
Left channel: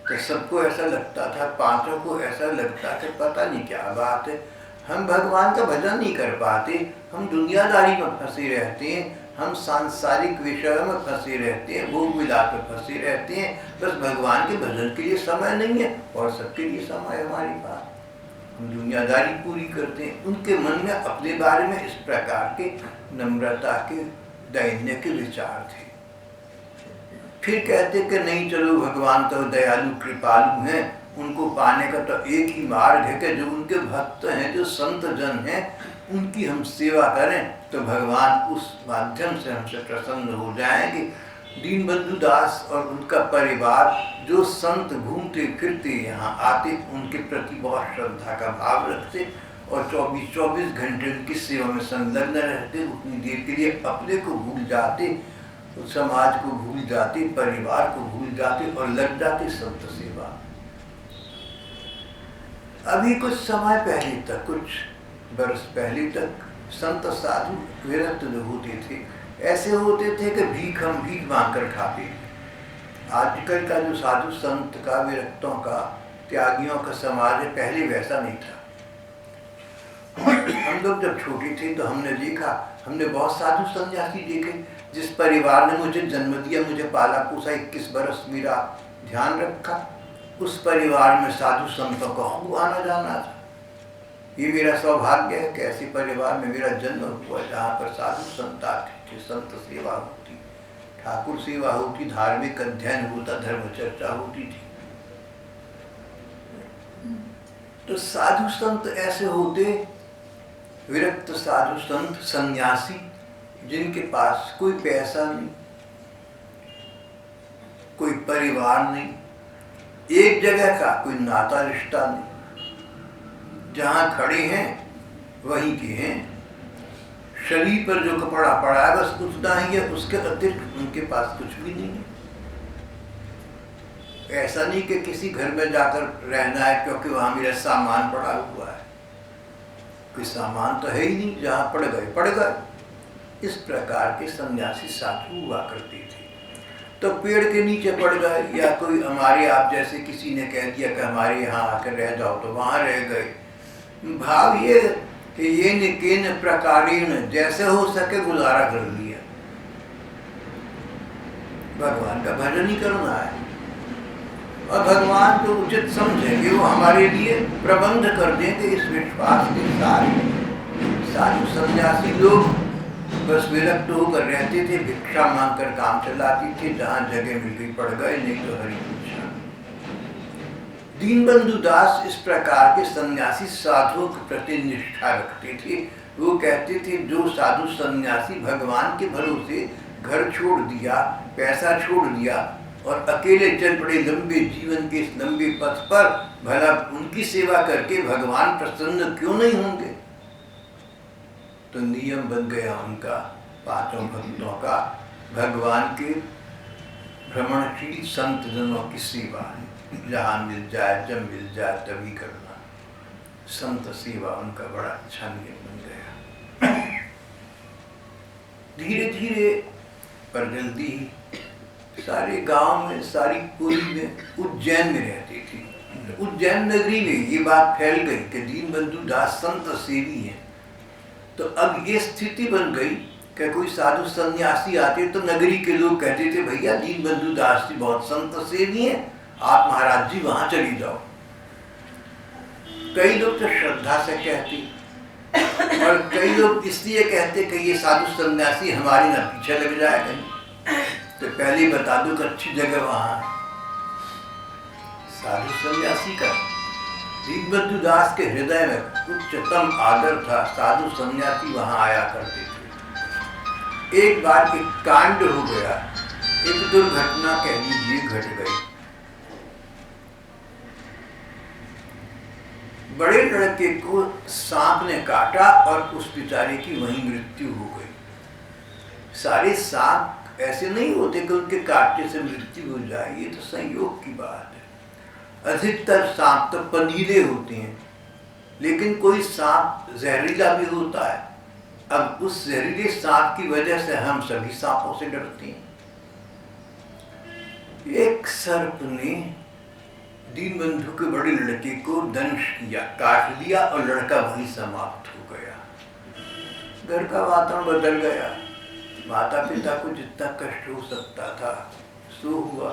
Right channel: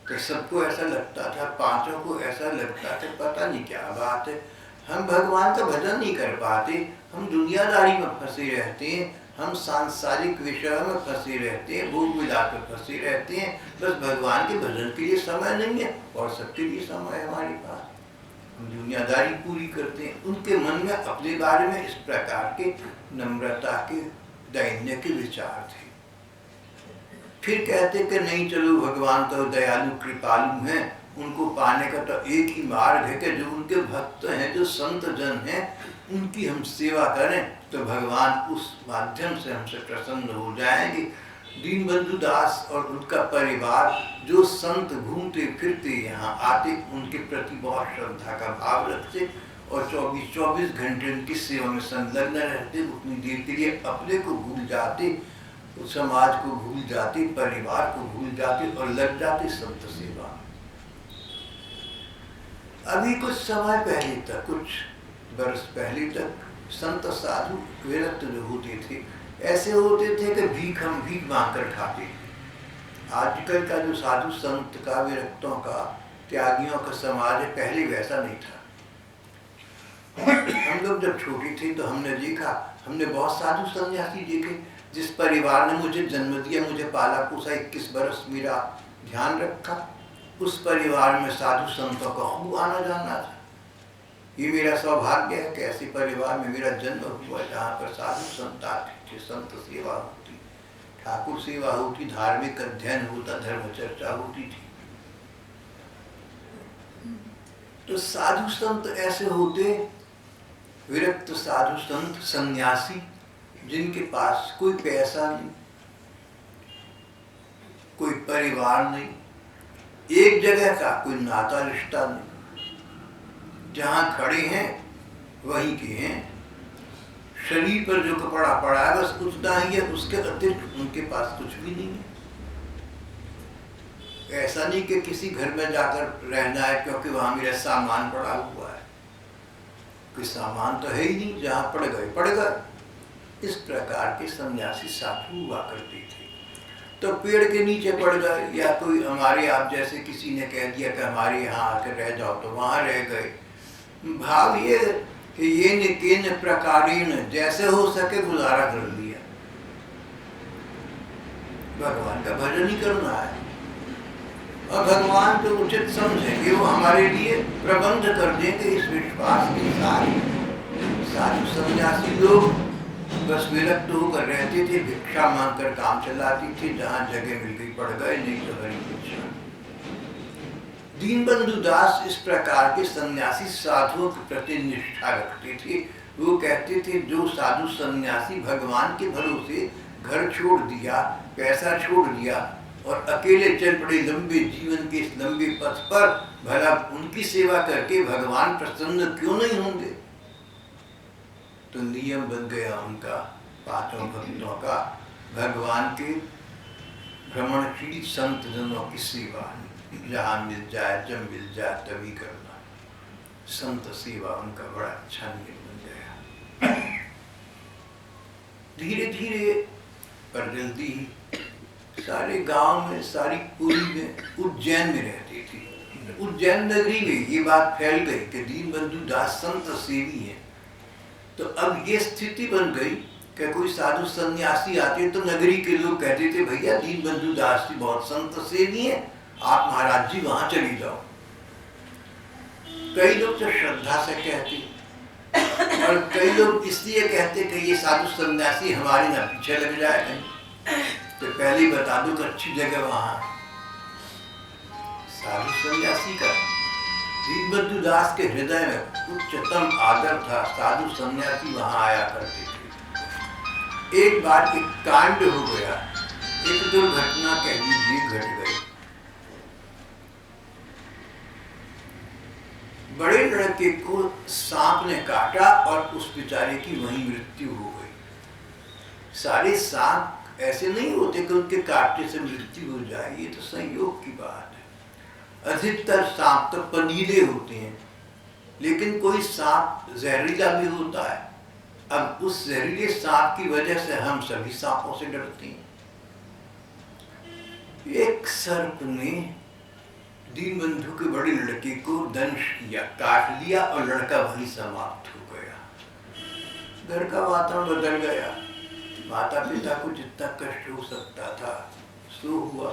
तो सबको ऐसा लगता था, पांचों को ऐसा लगता था पता नहीं क्या बात है, हम भगवान का भजन नहीं कर पाते, हम दुनियादारी में फंसे रहते हैं, हम सांसारिक विषयों में फंसे रहते हैं, भोग विलास में फंसे रहते हैं, बस भगवान के भजन के लिए समय नहीं है और सबके लिए समय है हमारे पास, हम दुनियादारी पूरी करते हैं। उनके मन में अपने बारे में इस प्रकार के नम्रता के, दैन्य के विचार थे। फिर कहते कि नहीं, चलो भगवान तो दयालु कृपालु हैं, उनको पाने का तो एक ही मार्ग है कि जो उनके भक्त हैं, जो संत जन हैं, उनकी हम सेवा करें तो भगवान उस माध्यम से हमसे प्रसन्न हो जाएंगे। दीनबंधु दास और उनका परिवार जो संत घूमते फिरते यहाँ आते, उनके प्रति बहुत श्रद्धा का भाव रखते और 24 घंटे उनकी सेवा में संलग्न रहते। उतनी देर के लिए अपने को भूल जाते, समाज को भूल जाते, परिवार को भूल जाते और लग जाते संत सेवा। अभी कुछ समय पहले तक, कुछ वर्ष पहले तक संत साधु विरक्त जो होते थे, ऐसे होते थे कि हम भीख मांग कर खाते। आजकल का जो साधु संत का, विरक्तों का, त्यागियों का समाज है, पहले वैसा नहीं था। हम लोग जब छोटे थे तो हमने देखा, हमने बहुत साधु सन्यासी देखे। जिस परिवार ने मुझे जन्म दिया, मुझे पाला पोसा, 21 बरस मेरा ध्यान रखा, उस परिवार में साधु संतों का खूब आना जाना था। ये मेरा सौभाग्य है कि ऐसे परिवार में मेरा जन्म हुआ जहाँ पर साधु संत आते थे, संत सेवा होती, ठाकुर सेवा होती, धार्मिक अध्ययन होता, धर्म चर्चा होती थी। तो साधु संत ऐसे होते, विरक्त साधु संत सन्यासी, जिनके पास कोई पैसा नहीं, कोई परिवार नहीं, एक जगह का कोई नाता रिश्ता नहीं, जहाँ खड़े हैं वहीं के हैं, शरीर पर जो कपड़ा पड़ा है बस उतना ही है, उसके अतिरिक्त उनके पास कुछ भी नहीं है। ऐसा नहीं कि किसी घर में जाकर रहना है क्योंकि वहाँ मेरा सामान पड़ा हुआ है, कोई सामान तो है ही नहीं, जहाँ पड़ गए पड़ गए। इस प्रकार के सन्यासी साधु हुआ करते थे। तो पेड़ के नीचे पड़ गए, या कोई हमारे आप जैसे किसी ने कह दिया कि हमारे यहाँ आकर रह जाओ, तो वहाँ रह गए। भाव ये कि ये निकेन प्रकारेण, जैसे हो सके गुजारा कर लिया। भगवान का भजन ही करना है और भगवान जो उचित समझेंगे वो हमारे लिए प्रबंध कर देंगे। इस विश्वास के साथ साधु सन्यासी लोग बस विरक्त होकर रहते थे, भिक्षा मांगकर काम चलाते थे, जहाँ जगह मिल गई पड़ गए, नहीं तो हरि पूछा। दीनबंधु दास इस प्रकार के सन्यासी साधुओं के प्रति निष्ठा रखते थे। वो कहते थे जो साधु सन्यासी भगवान के भरोसे घर छोड़ दिया, पैसा छोड़ दिया और अकेले चल पड़े लंबे जीवन के इस लंबे पथ पर, भला उनकी सेवा करके भगवान प्रसन्न क्यों नहीं होंगे। तो नियम बन गया उनका, पांचों भक्तों का, भगवान के भ्रमणशील संत जनों की सेवा, जहाँ मिल जाए जब मिल जाए तभी करना। संत सेवा उनका बड़ा अच्छा नियम बन गया। धीरे धीरे पर जल्दी ही सारे गांव में, सारी पुरी में, उज्जैन में रहती थी। उज्जैन नगरी में ये बात फैल गई कि दीनबंधु दास संत सेवी हैं। तो अब ये स्थिति बन गई कि कोई साधु सन्यासी आते तो नगरी के लोग कहते थे भैया दीनबंधु दास जी बहुत संत सेवी हैं, आप महाराज जी वहां चली जाओ। कई लोग तो श्रद्धा से कहते और कई लोग इसलिए कहते कि ये साधु सन्यासी हमारी ना पीछे लग जाए कहीं, तो पहले ही बता दूं कि अच्छी जगह वहां है। साधु सन्यासी का दीनबंधु दास के हृदय में उच्चतम आदर था। साधु सन्यासी वहां आया करते थे। एक बार एक कांड हो गया, एक दुर्घटना कह लीजिए घट गई। बड़े लड़के को सांप ने काटा और उस बेचारे की वहीं मृत्यु हो गई। सारे सांप ऐसे नहीं होते कि उनके काटने से मृत्यु हो जाए, ये तो संयोग की बात है। अधिकतर सांप तो पनीले होते हैं, लेकिन कोई सांप जहरीला भी होता है। अब उस जहरीले सांप की वजह से हम सभी सांपों से डरते हैं। एक सर्प ने दीनबंधु के बड़े लड़के को दंश किया, काट लिया और लड़का वहीं समाप्त हो गया। घर का वातावरण बदल गया। माता पिता को जितना कष्ट हो सकता था सो हुआ।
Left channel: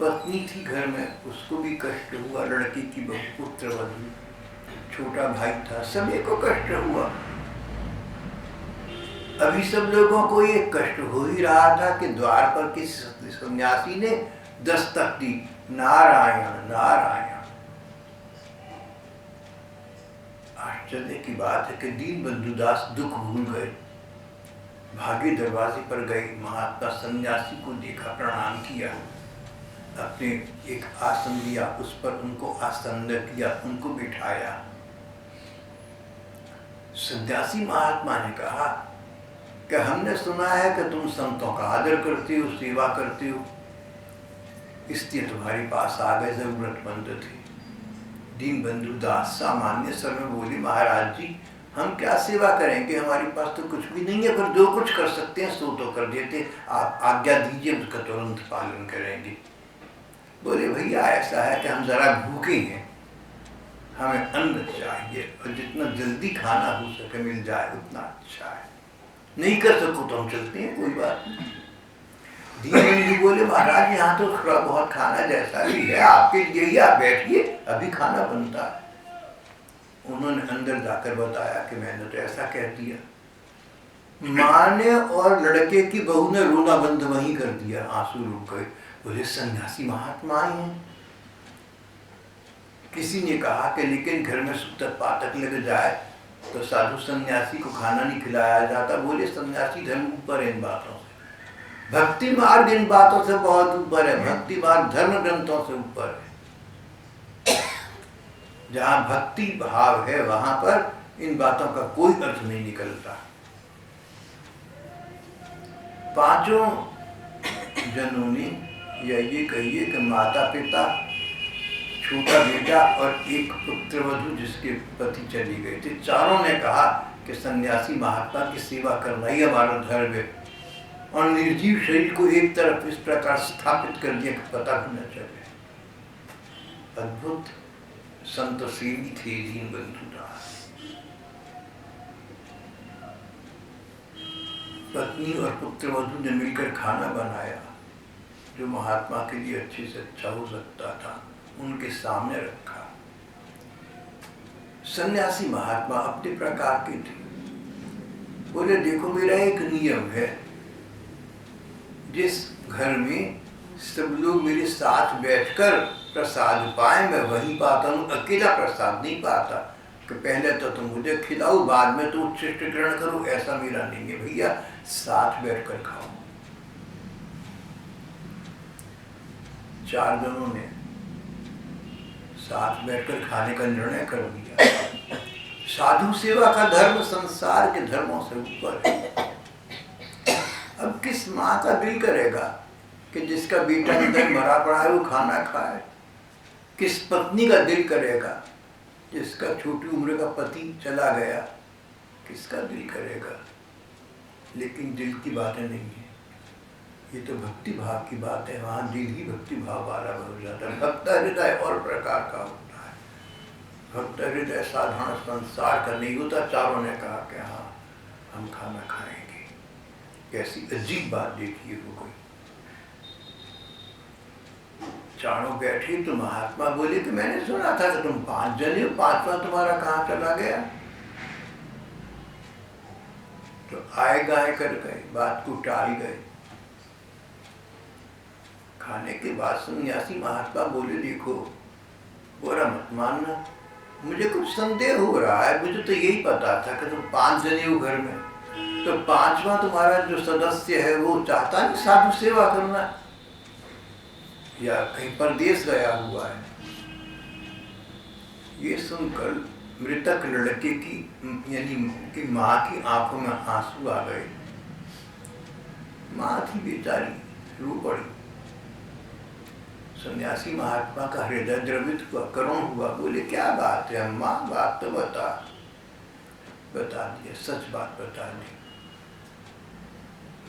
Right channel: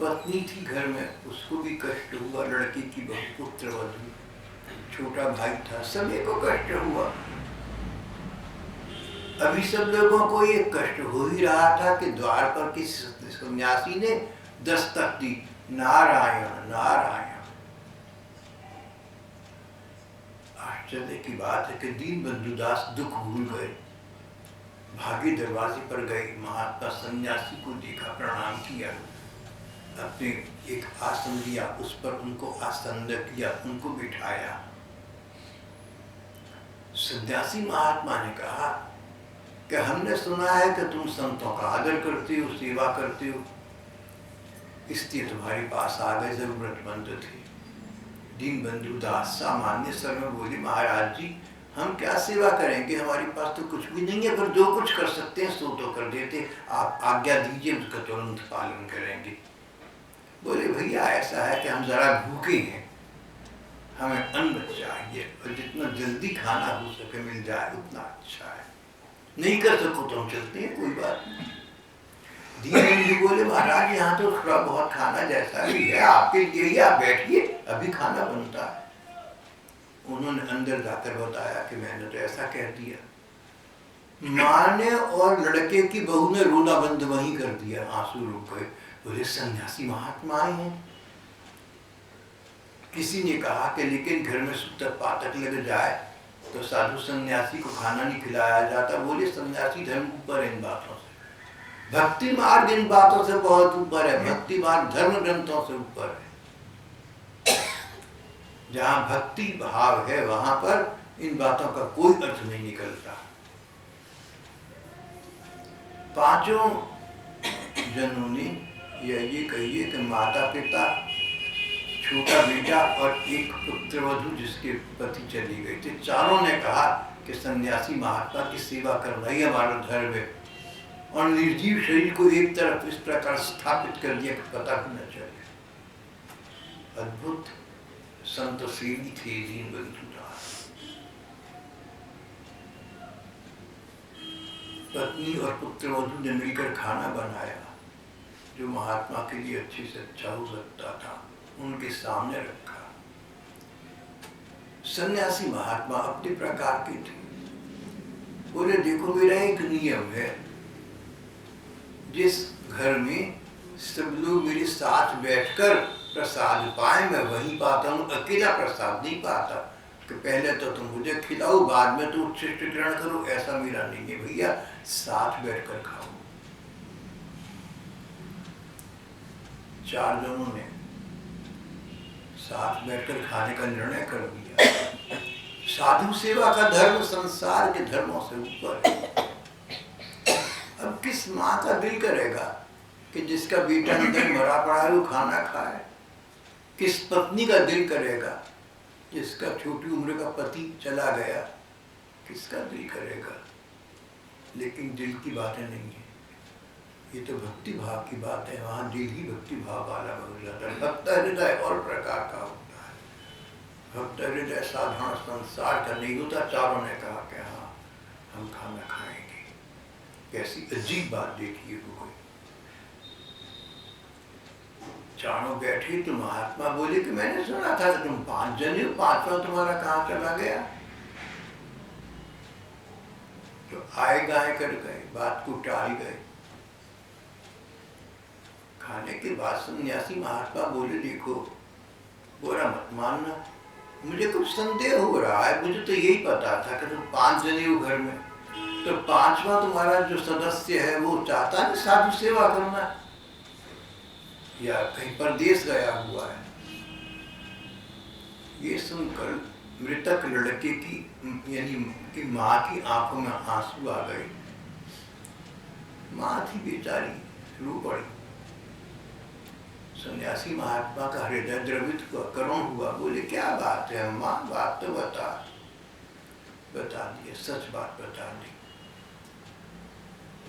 पत्नी थी घर में, उसको भी कष्ट हुआ। लड़की की बहु पुत्र वधू, छोटा भाई था, सभी को कष्ट हुआ। अभी सब लोगों को ये कष्ट हो ही रहा था कि द्वार पर किसी सन्यासी ने दस्तक दी, नारायण नारायण। आश्चर्य की बात है कि दीनबंधु दास दुख भूल गए, भागे दरवाजे पर गए, महात्मा सन्यासी को देखा, प्रणाम किया, अपने एक आसन दिया, उस पर उनको आसन्न किया, उनको बिठाया। सन्यासी महात्मा ने कहा कि हमने सुना है कि तुम संतों का आदर करते हो, सेवा करते हो, इसलिए तुम्हारे पास आ गए, जरूरतमंद थे। दीनबंधु दास सामान्य स्वर में बोले, महाराज जी हम क्या सेवा करेंगे, हमारे पास तो कुछ भी नहीं है, पर जो कुछ कर सकते हैं सो तो कर देते, आप आज्ञा दीजिए, उसका तुरंत पालन करेंगे। बोले भैया ऐसा है कि हम जरा भूखे हैं, हमें अन्न चाहिए और जितना जल्दी खाना हो सके मिल जाए उतना अच्छा है। नहीं कर सको तो हम चलते हैं, कोई बात नहीं। दीनबंधु बोले महाराज यहाँ तो थोड़ा बहुत खाना जैसा भी है आपके लिए ही, आप बैठिए, अभी खाना बनता है। उन्होंने अंदर जाकर बताया कि मैंने तो ऐसा कह दिया। माँ ने और लड़के की बहू ने रोना बंद वहीं कर दिया, आंसू रुक गए। बोले सन्यासी महात्मा आए हैं। किसी ने कहा कि लेकिन घर में सूतक पातक लग जाए तो साधु सन्यासी को खाना नहीं खिलाया जाता। बोले सन्यासी धर्म ऊपर है इन बातों से, भक्ति मार्ग इन बातों से बहुत ऊपर है, भक्ति मार्ग धर्म ग्रंथों से ऊपर है। जहां भक्ति भाव है वहां पर इन बातों का कोई अर्थ नहीं निकलता। पांचों जनों ने या ये कहिए कि माता पिता, छोटा बेटा और एक पुत्र वधू जिसके पति चली गए थे, चारों ने कहा कि सन्यासी महात्मा की सेवा करना ही हमारा धर्म है, और निर्जीव शरीर को एक तरफ इस प्रकार स्थापित कर दिया कि पता भी न चले। अद्भुत संत सेवी थे दीनबंधु दास। पत्नी और पुत्र वधू ने मिलकर खाना बनाया, जो महात्मा के लिए अच्छे से अच्छा हो सकता था, उनके सामने रखा। सन्यासी महात्मा अपने प्रकार के थे। बोले देखो मेरा एक नियम है, जिस घर में सब लोग मेरे साथ बैठकर प्रसाद पाए मैं वही पाता हूँ, अकेला प्रसाद नहीं पाता कि पहले तो तुम मुझे खिलाओ बाद में तो उच्छिष्ट ग्रहण करो, ऐसा मेरा नहीं है भैया, साथ बैठकर खाओ। चार जनों ने साथ बैठकर खाने का निर्णय कर दिया। साधु सेवा का धर्म संसार के धर्मों से ऊपर है। अब किस माँ का दिल करेगा कि जिसका बेटा अंदर मरा पड़ा है वो खाना खाए? किस पत्नी का दिल करेगा जिसका छोटी उम्र का पति चला गया? किसका दिल करेगा? लेकिन दिल की बातें नहीं है, ये तो भक्ति भाव की बात है। वहाँ दिल ही भक्ति भाव वाला हो जाता है। भक्त हृदय और प्रकार का होता है। भक्त हृदय साधारण संसार का नहीं होता। चारों ने कहा कि हाँ हम खाना खाएंगे। कैसी अजीब बात देखिए हो गई। चारों बैठे तो महात्मा बोले कि मैंने सुना था कि तुम 5 जने हो, 5वां तुम्हारा कहाँ चला गया? आए गाय कर गए, बात को टाल गए। खाने के बाद सन्यासी महात्मा बोले, देखो बुरा मत मानना, मुझे कुछ संदेह हो रहा है। मुझे तो यही पता था कि तुम 5 जने हो घर में, तो 5वां तुम्हारा जो सदस्य है वो चाहता नहीं साधु सेवा करना, या कहीं परदेश गया हुआ है। ये सुनकर मृतक लड़के की यानी कि माँ की आंखों में आंसू आ गए। माँ थी बेचारी, रो पड़ी। सन्यासी महात्मा का हृदय द्रवित हुआ, करुण हुआ। बोले, क्या बात है अम्मा, बात तो बता दिए, सच बात बता दी।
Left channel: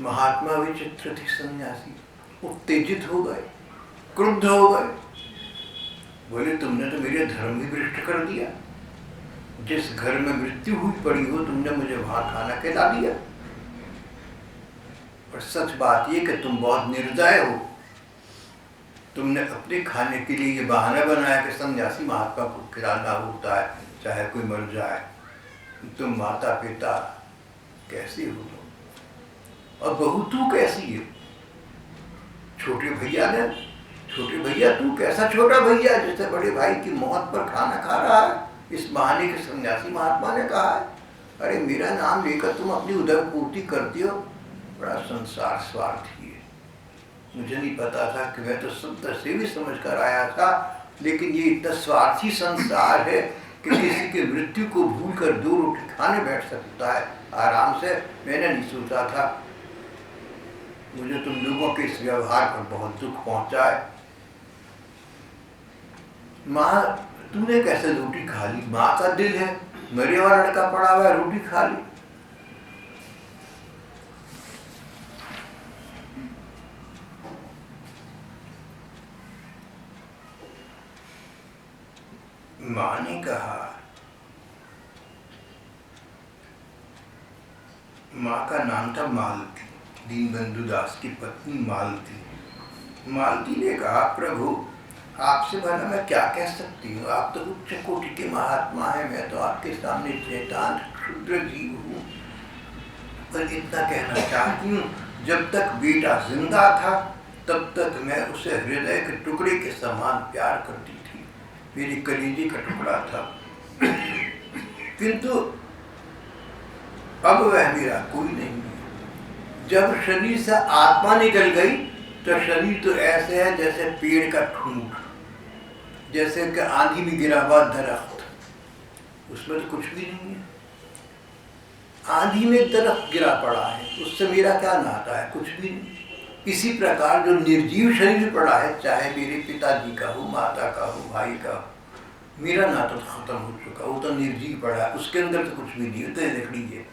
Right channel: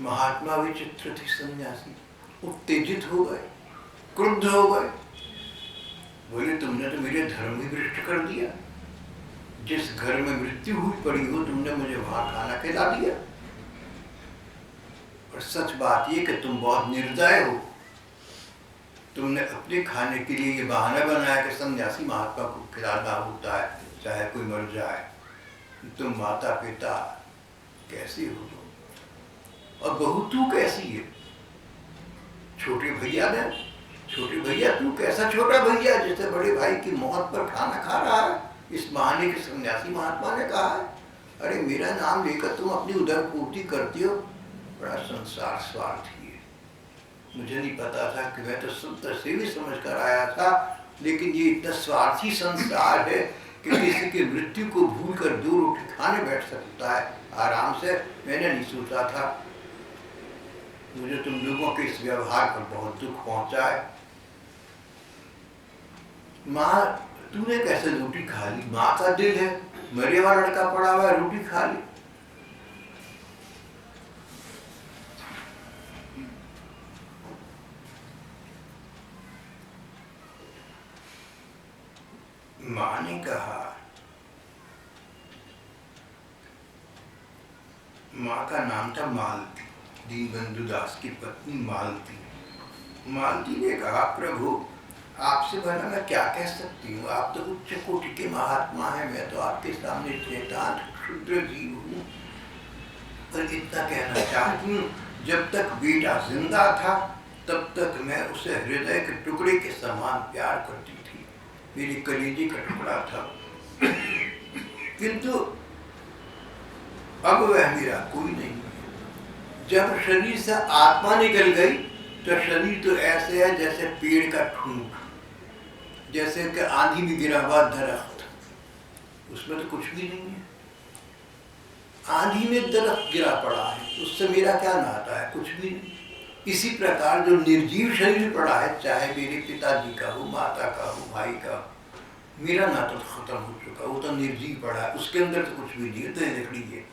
महात्मा विचित्र थी, सन्यासी उत्तेजित हो गए, क्रुद्ध हो गए। बोले, तुमने तो मेरे धर्म ही भ्रष्ट कर दिया। जिस घर में मृत्यु हुई पड़ी हो, तुमने मुझे वहां खाना खिला दिया। और सच बात ये कि तुम बहुत निर्दय हो। तुमने अपने खाने के लिए ये बहाना बनाया कि सन्यासी महात्मा को खिलाना होता है चाहे कोई मर जाए। तुम माता पिता कैसी हो तुम, और बहू तू कैसी है? छोटे भैया तू कैसा छोटा भैया जिससे बड़े भाई की मौत पर खाना खा रहा है? इस बहाने के सन्यासी महात्मा ने कहा है, अरे मेरा नाम लेकर तुम अपनी उदर पूर्ति करती हो। बड़ा संसार स्वार्थी है। मुझे नहीं पता था कि मैं तो संत से भी समझ कर आया था, लेकिन ये इतना स्वार्थी संसार है कि किसी की मृत्यु को भूल कर 2 रोटी खाने बैठ सकता है आराम से। मैंने नहीं सोचा था। मुझे तुम लोगों के इस व्यवहार पर बहुत दुख पहुंचा है। माँ, तूने कैसे रोटी खा ली? माँ का दिल है, मरे हुआ लड़का पड़ा हुआ है, रोटी खा ली। माँ ने कहा, माँ का नाम था मालती, दीनबंधु दास की पत्नी मालती। मालती ने कहा, प्रभु आपसे भला मैं क्या कह सकती हूँ? आप तो उच्च कोटि के महात्मा हैं, मैं तो आपके सामने चेतान क्षुद्र जीव हूँ। पर इतना कहना चाहती हूँ, जब तक बेटा जिंदा था तब तक मैं उसे हृदय के टुकड़े के समान प्यार करती थी। मेरी कलेजे का टुकड़ा था। किंतु अब वह मेरा कोई नहीं है। जब शरीर से आत्मा निकल गई तो शरीर तो ऐसे है जैसे पेड़ का ठूंठ, जैसे कि आंधी में गिरा हुआ दरख्त, उसमें तो कुछ भी नहीं है। आंधी में दरख्त गिरा पड़ा है, उससे मेरा क्या नाता है? कुछ भी नहीं। इसी प्रकार जो निर्जीव शरीर पड़ा है, चाहे मेरे पिताजी का हो, माता का हो, भाई का हो, मेरा नाता तो खत्म हो चुका। वो तो निर्जीव पड़ा है, उसके अंदर तो कुछ भी नहीं है, तो लकड़ी है।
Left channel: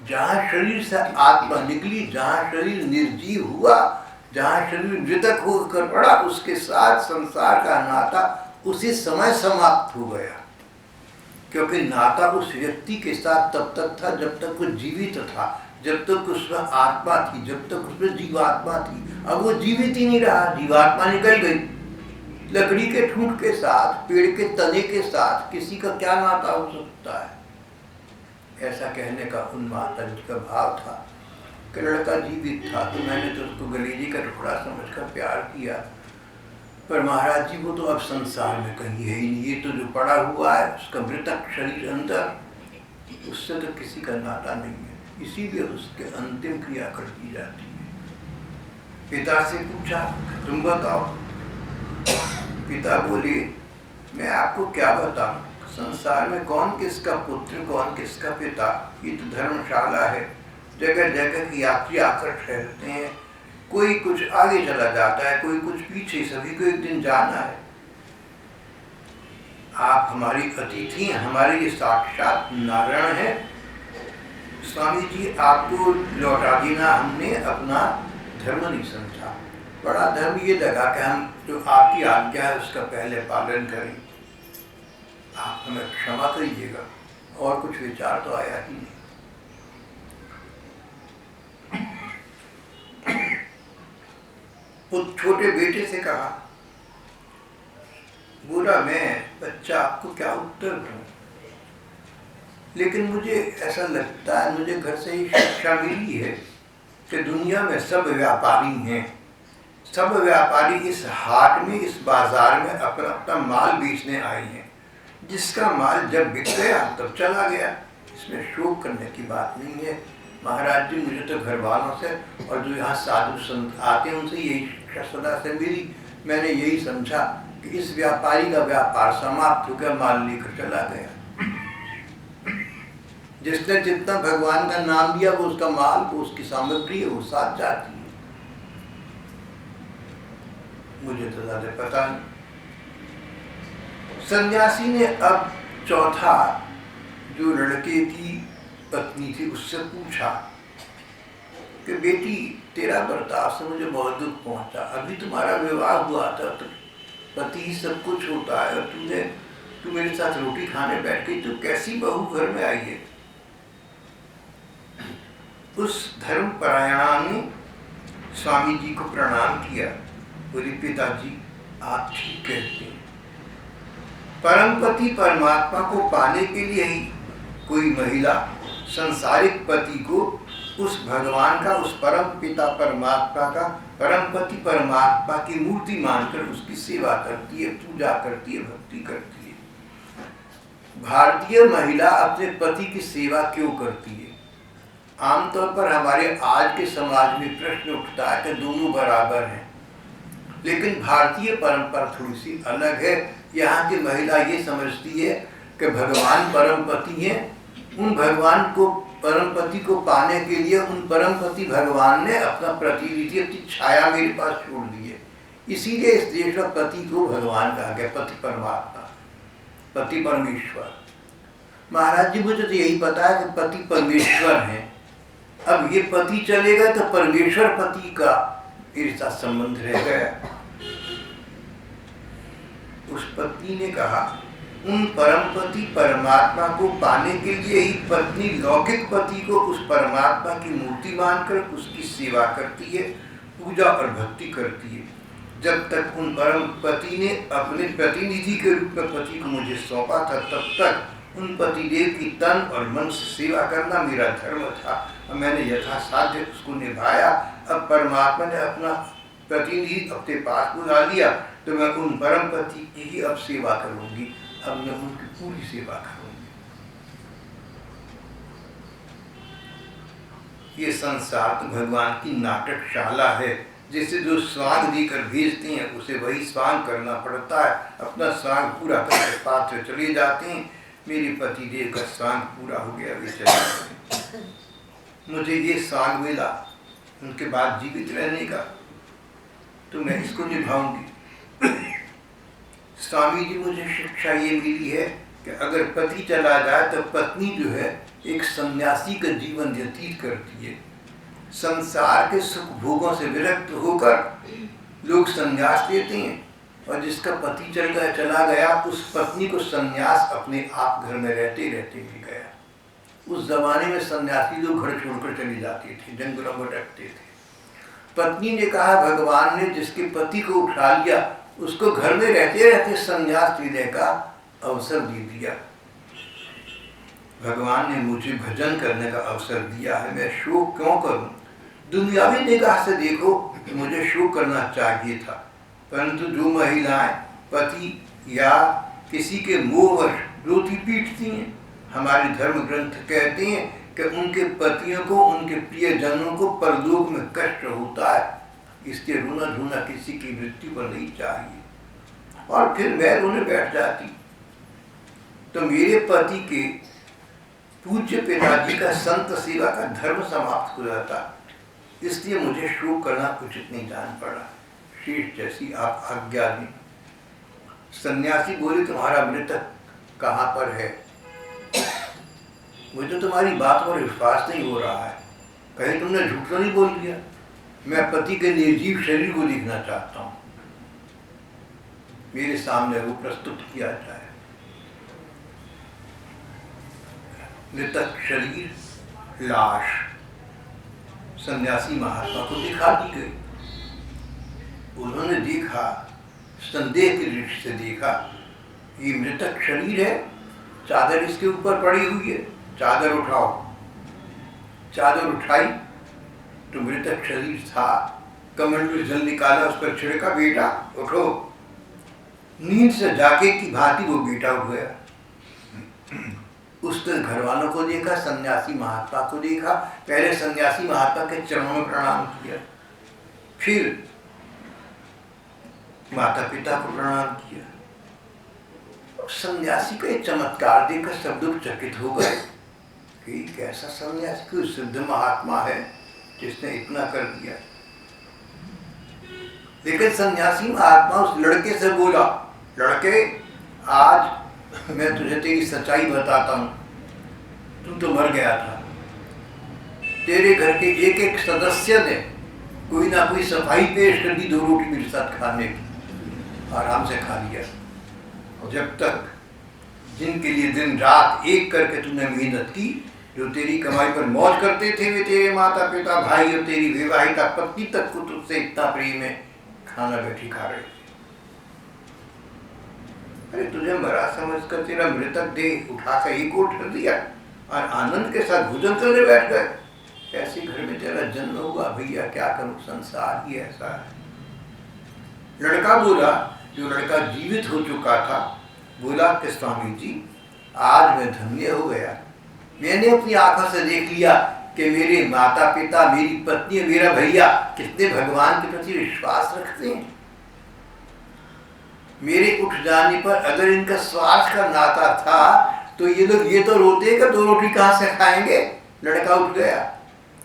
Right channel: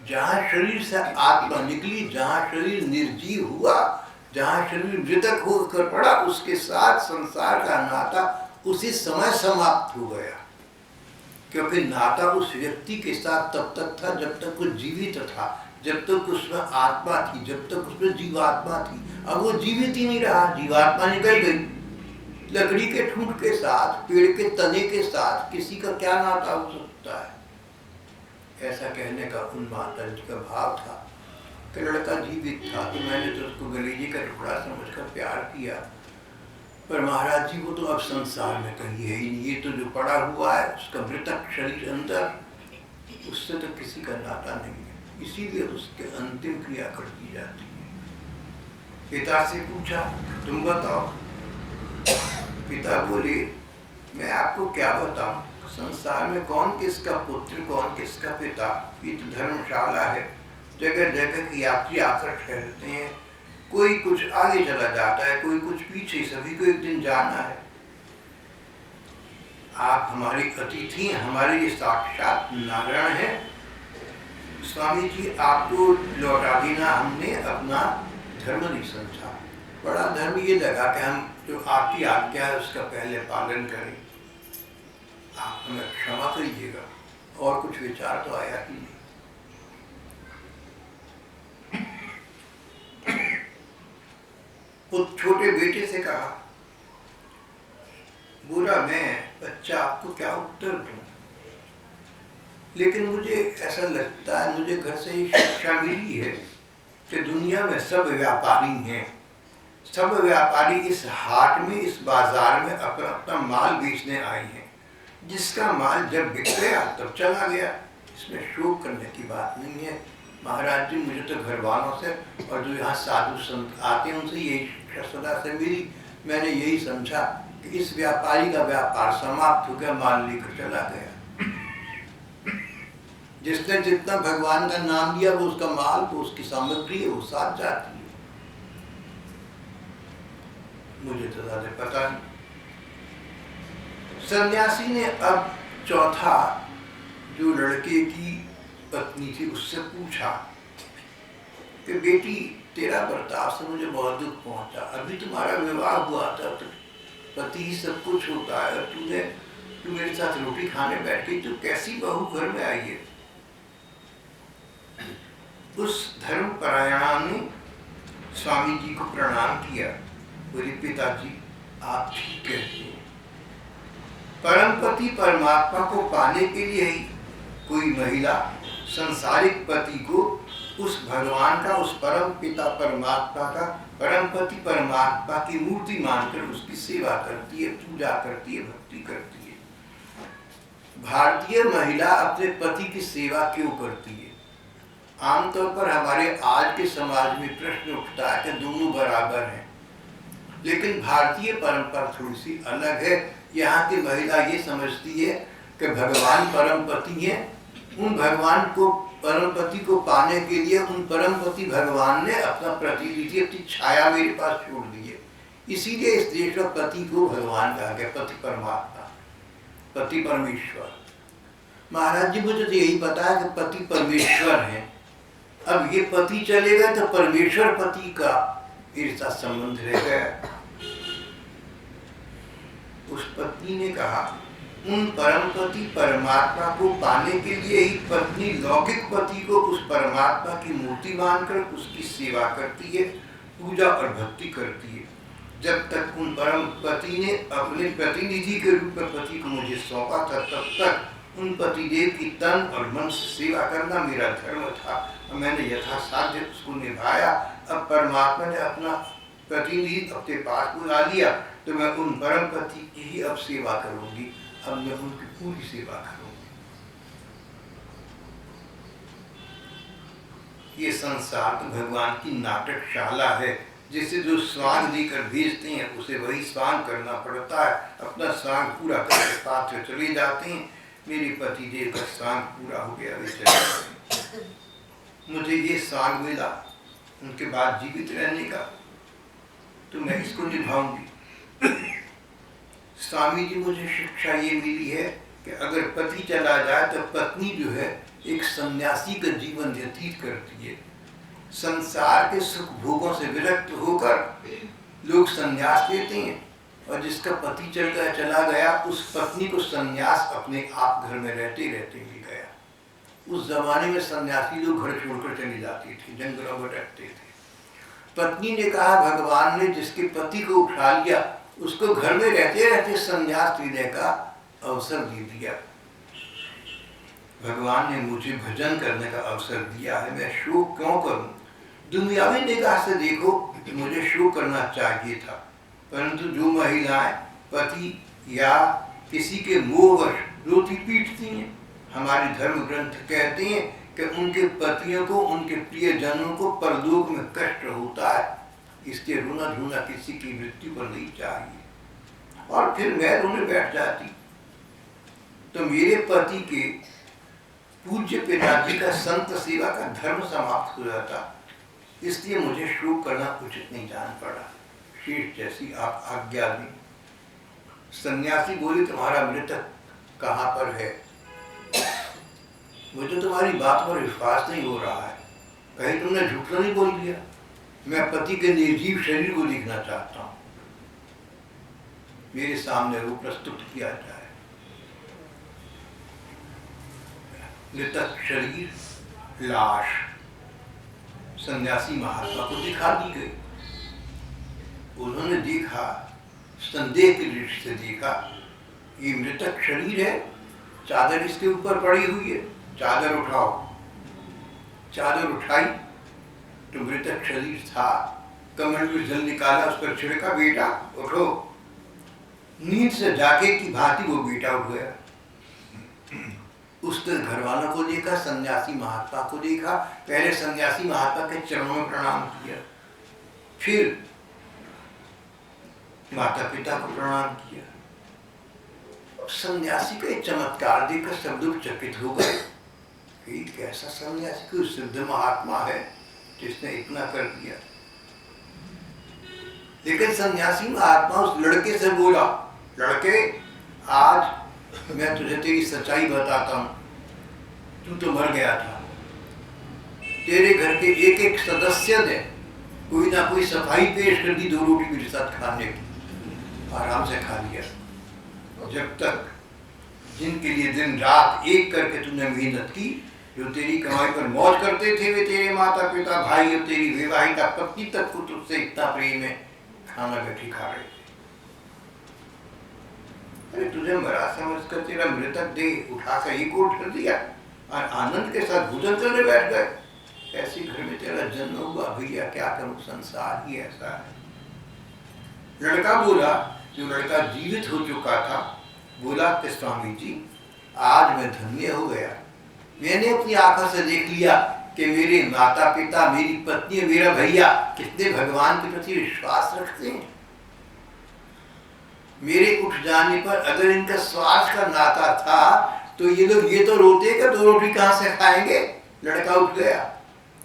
जहाँ शरीर से आत्मा निकली, जहाँ शरीर निर्जीव हुआ, जहाँ शरीर मृतक होकर पड़ा, उसके साथ संसार का नाता उसी समय समाप्त हो गया। क्योंकि नाता उस व्यक्ति के साथ तब तक था जब तक वो जीवित था, जब तक उसमें आत्मा थी, जब तक उसमें जीवात्मा थी। अब वो जीवित ही नहीं रहा, जीवात्मा निकल गई। लकड़ी के ठूंठ के साथ, पेड़ के तने के साथ किसी का क्या नाता हो सकता है? ऐसा कहने का उन माता जी का भाव था कि लड़का जीवित था तो मैंने तो उसको गलेजी का टुकड़ा समझकर प्यार किया। पर महाराज जी वो तो अब संसार में कहीं है ही नहीं। ये तो जो पड़ा हुआ है उसका मृतक शरीर अंदर, उससे तो किसी का नाता नहीं है। इसीलिए उसके अंतिम क्रिया कर दी जाती है। पिता से पूछा, तुम बताओ। पिता बोले, मैं आपको क्या बताऊं? संसार में कौन किसका पुत्र, कौन किसका पिता? ये तो धर्मशाला है, जगह जगह की यात्री आकर ठहरते हैं। कोई कुछ आगे चला जाता है, कोई कुछ पीछे, सभी को एक दिन जाना है। आप हमारी अतिथि हैं, हमारे ये साक्षात नारायण है। स्वामी जी, आपको लौटा देना हमने अपना धर्म नहीं समझा। बड़ा धर्म ये लगा कि हम जो आपकी आज्ञा है उसका पहले पालन करें। आप हमें क्षमा करिएगा। और कुछ विचार तो आया ही नहीं। उस छोटे बेटे से कहा, बोला मैं बच्चा आपको क्या उत्तर दूं? लेकिन मुझे ऐसा लगता है, मुझे घर से ही शिक्षा मिली है कि दुनिया में सब व्यापारी हैं। सब व्यापारी इस हाट में, इस बाजार में अपना अपना माल बेचने आए हैं। जिसका माल जब बिक गया तब चला गया, इसमें शोक करने की बात नहीं है। महाराज जी, मुझे तो घर वालों से और जो यहाँ साधु संत आते हैं उनसे यही शिक्षा सदा से मिली। मैंने यही समझा कि इस व्यापारी का व्यापार समाप्त हो गया, माल लेकर चला गया। जिसने जितना भगवान का नाम लिया वो उसका माल, वो उसकी सामग्री है, वो साथ जाती है। मुझे तो ज्यादा पता नहीं। सन्यासी ने अब चौथा जो लड़के की पत्नी थी उससे पूछा कि बेटी, तेरा बर्ताव से मुझे बहुत दुख पहुंचा। अभी तुम्हारा विवाह हुआ था तो पति ही सब कुछ होता है, और तू मेरे साथ रोटी खाने बैठ गई, तो कैसी बहू घर में आई है। उस धर्मपरायणा ने स्वामी जी को प्रणाम किया। बोले, पिताजी आप ठीक कहते हैं। परमपति परमात्मा को पाने के लिए ही कोई महिला संसारिक पति को उस भगवान का, उस परम पिता परमात्मा का, परमपति परमात्मा की मूर्ति मानकर उसकी सेवा करती है, पूजा करती है, भक्ति करती है। भारतीय महिला अपने पति की सेवा क्यों करती है? आमतौर पर हमारे आज के समाज में प्रश्न उठता है कि दोनों बराबर हैं, लेकिन भारतीय परंपरा थोड़ी सी अलग है। यहाँ की महिला ये समझती है कि भगवान परमपति हैं, उन भगवान को, परमपति को पाने के लिए उन परमपति भगवान ने अपना प्रतिनिधि, अपनी छाया मेरे पास छोड़ दी है। इसीलिए इस देश में पति को भगवान कहा गया, पति परमात्मा, पति परमेश्वर। महाराज जी, मुझे तो यही पता है कि पति परमेश्वर है। अब ये पति चले गए तो परमेश्वर पति का मेरे साथ संबंध रह गया। उस पत्नी ने कहा, उन परमपति परमात्मा को पाने के लिए ही पत्नी लौकिक पति को उस परमात्मा की मूर्ति मानकर उसकी सेवा करती है, पूजा और भक्ति करती है। जब तक उन परम पति ने अपने प्रतिनिधि के रूप में पति को मुझे सौंपा था, तब तक उन पतिदेव की तन और मन से सेवा करना मेरा धर्म था और मैंने यथासाध्य उसको निभाया। अब परमात्मा ने अपना प्रतिनिधि अपने पास बुला लिया तो मैं उन परम पति की ही अब सेवा करूंगी। अब मैं उनकी पूरी सेवा करूंगी। ये संसार तो भगवान की नाटकशाला है, जिसे जो स्वांग देकर भेजते हैं उसे वही स्वांग करना पड़ता है। अपना स्वांग पूरा करके पात्र चले जाते हैं। मेरे पति देव का स्वांग पूरा हो गया, वे चले जाते। मुझे ये स्वांग मिला उनके बाद जीवित रहने का, तो मैं इसको निभाऊंगी। स्वामी जी, मुझे शिक्षा ये मिली है कि अगर पति चला जाए तो पत्नी जो है एक सन्यासी का जीवन व्यतीत करती है। संसार के सुख भोगों से विरक्त होकर लोग संन्यास लेते हैं, और जिसका पति चला गया उस पत्नी को संन्यास अपने आप घर में रहते रहते मिल गया। उस जमाने में सन्यासी लोग घर छोड़कर चले जाते थे, जंगलों में भटकते थे। पत्नी ने कहा, भगवान ने जिसके पति को उठा लिया उसको घर में रहते रहते संन्यास लेने का अवसर दे दिया। भगवान ने मुझे भजन करने का अवसर दिया है, मैं शोक क्यों करूं? दुनियावी निगाह से देखो तो मुझे शोक करना चाहिए था, परंतु जो महिलाएं पति या किसी के मोहवश रोती पीटती हैं, हमारे धर्म ग्रंथ कहते हैं कि उनके पतियों को, उनके प्रियजनों को परलोक में कष्ट होता है, इसलिए रोना धोना किसी की मृत्यु पर नहीं चाहिए। और फिर मैं रोने बैठ जाती तो मेरे पति के पूज्य पिताजी का संत सेवा का धर्म समाप्त हो जाता, इसलिए मुझे शोक करना उचित नहीं जान पड़ा। शेष जैसी आप आज्ञा दी। सन्यासी बोले, तुम्हारा मृतक कहाँ पर है? मुझे तुम्हारी बात पर विश्वास नहीं हो रहा है, कहीं तुमने झूठ तो नहीं बोल दिया? मैं पति के निर्जीव शरीर को देखना चाहता हूँ, मेरे सामने वो प्रस्तुत किया जाए। मृतक शरीर, लाश सन्यासी महात्मा को दिखा दी गई। उन्होंने देखा, संदेह की दृष्टि से देखा, ये मृतक शरीर है, चादर इसके ऊपर पड़ी हुई है, चादर उठाओ। चादर उठाई तो मृतक शरीर था, कमल में जल निकाला, उस पर छिड़का, बेटा उठो। नींद से जाके की भांति वो बेटा उठ गया। उसने घर वालों को देखा, सन्यासी महात्मा को देखा, पहले सन्यासी महात्मा के चरणों में प्रणाम किया, फिर माता पिता को प्रणाम किया। सन्यासी का एक चमत्कार देखकर सब लोग चकित हो गए कि कैसा सन्यासी, कोई सिद्ध महात्मा है जिसने इतना कर दिया। लेकिन सन्यासी महात्मा उस लड़के से बोला, लड़के आज मैं तुझे तेरी सच्चाई बताता हूं, तू तो मर गया था, तेरे घर के एक एक सदस्य ने कोई ना कोई सफाई पेश कर दी 2 रोटी मेरे साथ खाने की, आराम से खा लिया। जब तक जिनके लिए दिन रात एक करके तूने मेहनत की, जो तेरी कमाई पर मौज करते थे, वे तेरे माता पिता, भाई और तेरी विवाहिता पत्नी तक को तुझसे इतना प्रेम है, खाना बैठी खा रहे थे। अरे तुझे मरा समझकर तेरा मृतक देह उठाकर एक ओर धर दिया और आनंद के साथ भोजन करने बैठ गए। ऐसे घर में तेरा जन्म हुआ, भैया क्या करूं, संसार ही ऐसा है। लड़का बोला, जो लड़का जीवित हो चुका था, बोला कि स्वामी जी आज मैं धन्य हो गया, मैंने अपनी आंखों से देख लिया कि मेरे माता पिता, मेरी पत्नी, मेरा भैया कितने भगवान के प्रति विश्वास रखते हैं। मेरे उठ जाने पर अगर इनका स्वार्थ का नाता था तो ये लोग ये तो रोते कि 2 रोटी कहाँ से खाएंगे, लड़का उठ गया,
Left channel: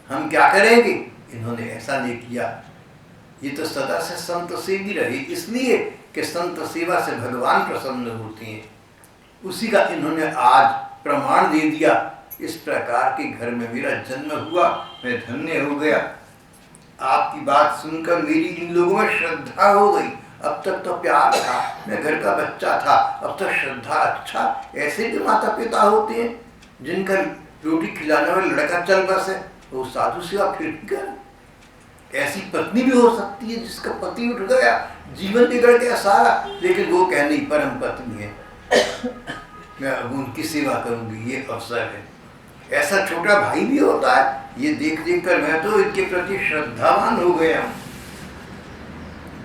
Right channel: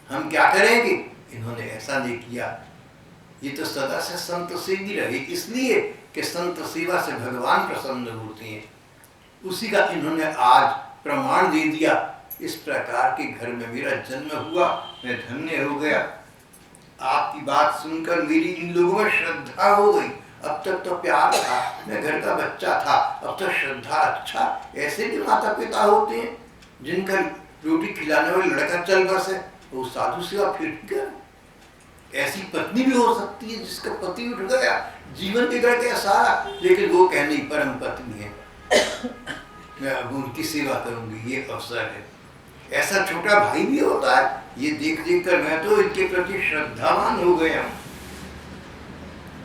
हम क्या करेंगे। इन्होंने ऐसा नहीं किया। ये तो सदा से संत सेवी रहे, इसलिए कि संत सेवा से भगवान प्रसन्न होते हैं। उसी का इन्होंने आज प्रमाण दे दिया। इस प्रकार के घर में मेरा जन्म हुआ, मैं धन्य हो गया। आपकी बात सुनकर मेरी इन लोगों में श्रद्धा हो गई। अब तक तो प्यार था, मैं घर का बच्चा था, अब तो श्रद्धा। अच्छा, ऐसे भी माता पिता होते हैं जिनका रोटी खिलाने वाला लड़का चल बसे, वो साधु सेवा फिर कर। ऐसी पत्नी भी हो सकती है जिसका पति उठ गया, जीवन बिगड़ गया सारा, लेकिन वो कह नहीं परम पत्नी है, मैं अब उनकी सेवा करूंगी, ये अवसर है। ऐसा छोटा भाई भी होता है। ये देख देख कर मैं तो इनके प्रति श्रद्धावान हो गया हूँ।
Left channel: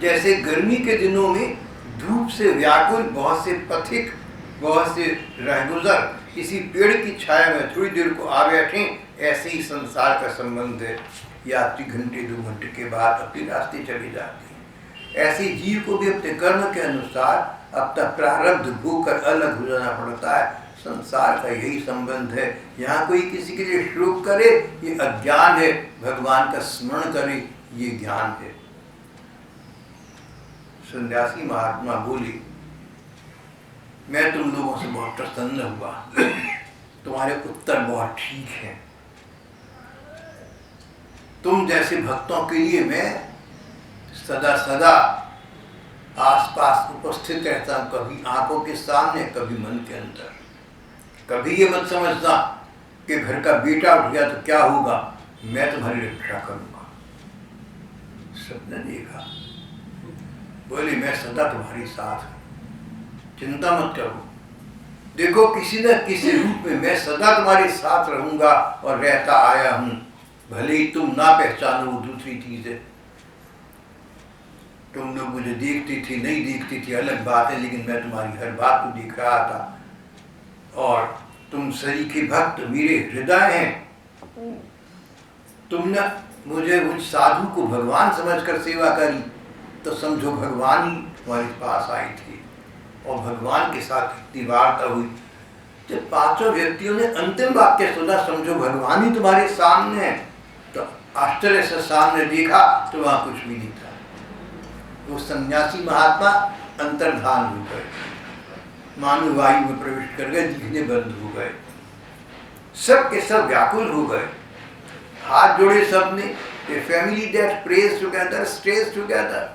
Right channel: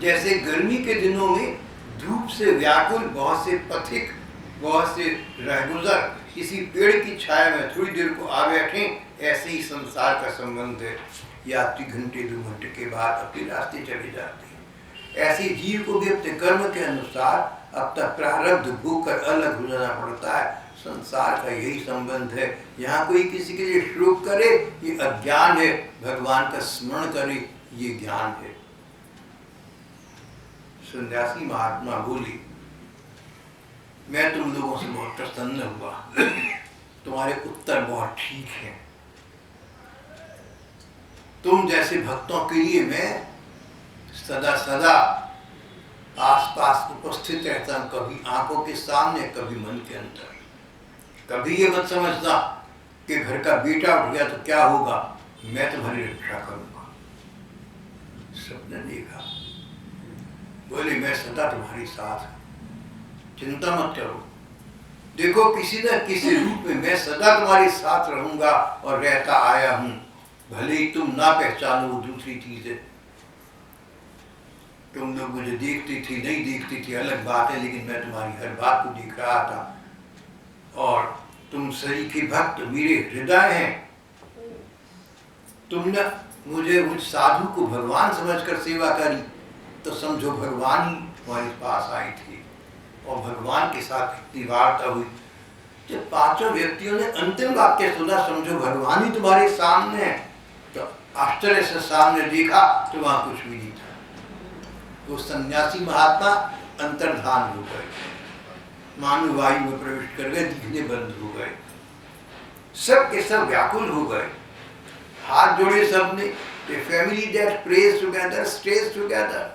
जैसे गर्मी के दिनों में धूप से व्याकुल बहुत से पथिक, बहुत से रहगुजर किसी पेड़ की छाया में थोड़ी देर को आ बैठे, ऐसे ही संसार का संबंध है। यात्री घंटे 2 घंटे के बाद अपने रास्ते चले जाते हैं। ऐसे जीव को भी अपने कर्म के अनुसार अपना प्रारब्ध भोग कर अलग हो जाना पड़ता है। संसार का यही संबंध है। यहाँ कोई किसी के लिए शोक करे ये अज्ञान है, भगवान का स्मरण करे ये ज्ञान है। सन्यासी महात्मा बोली, मैं तुम लोगों से बहुत प्रसन्न हुआ, तुम्हारे उत्तर बहुत ठीक हैं। तुम जैसे भक्तों के लिए मैं सदा सदा आसपास उपस्थित रहता हूँ, कभी आंखों के सामने, कभी मन के अंदर। कभी ये मत समझना कि घर का बेटा उठ गया तो क्या होगा, मैं तुम्हारी रक्षा करूंगा। सबने देखा, बोले मैं सदा तुम्हारी साथ हूँ, चिंता मत करो। देखो किसी न किसी रूप में मैं सदा तुम्हारे साथ रहूंगा और रहता आया हूँ। भले ही तुम ना पहचानो, वो दूसरी चीज है। तुम लोग मुझे देखती थी, नहीं देखती थी, अलग बात है, लेकिन मैं तुम्हारी हर बात को देख रहा था। और तुम सरीखे भक्त मेरे हृदय हैं। तुमने मुझे मुझ साधु को भगवान समझकर सेवा करी तो समझो भगवान ही तुम्हारे पास आई थी और भगवान के साथ इतनी वार्ता हुई। जब 5 व्यक्तियों ने अंतिम वाक्य सुना, समझो भगवान ही तुम्हारे सामने है, तो आश्चर्य से सामने देखा तो वहां कुछ भी नहीं था। वो सन्यासी महात्मा अंतर्धान हो गए, मानो वायु में प्रविष्ट कर गए, दिखने बंद हो गए। सब के सब व्याकुल हो गए, हाथ जोड़े सबने। A family that praise together stage together.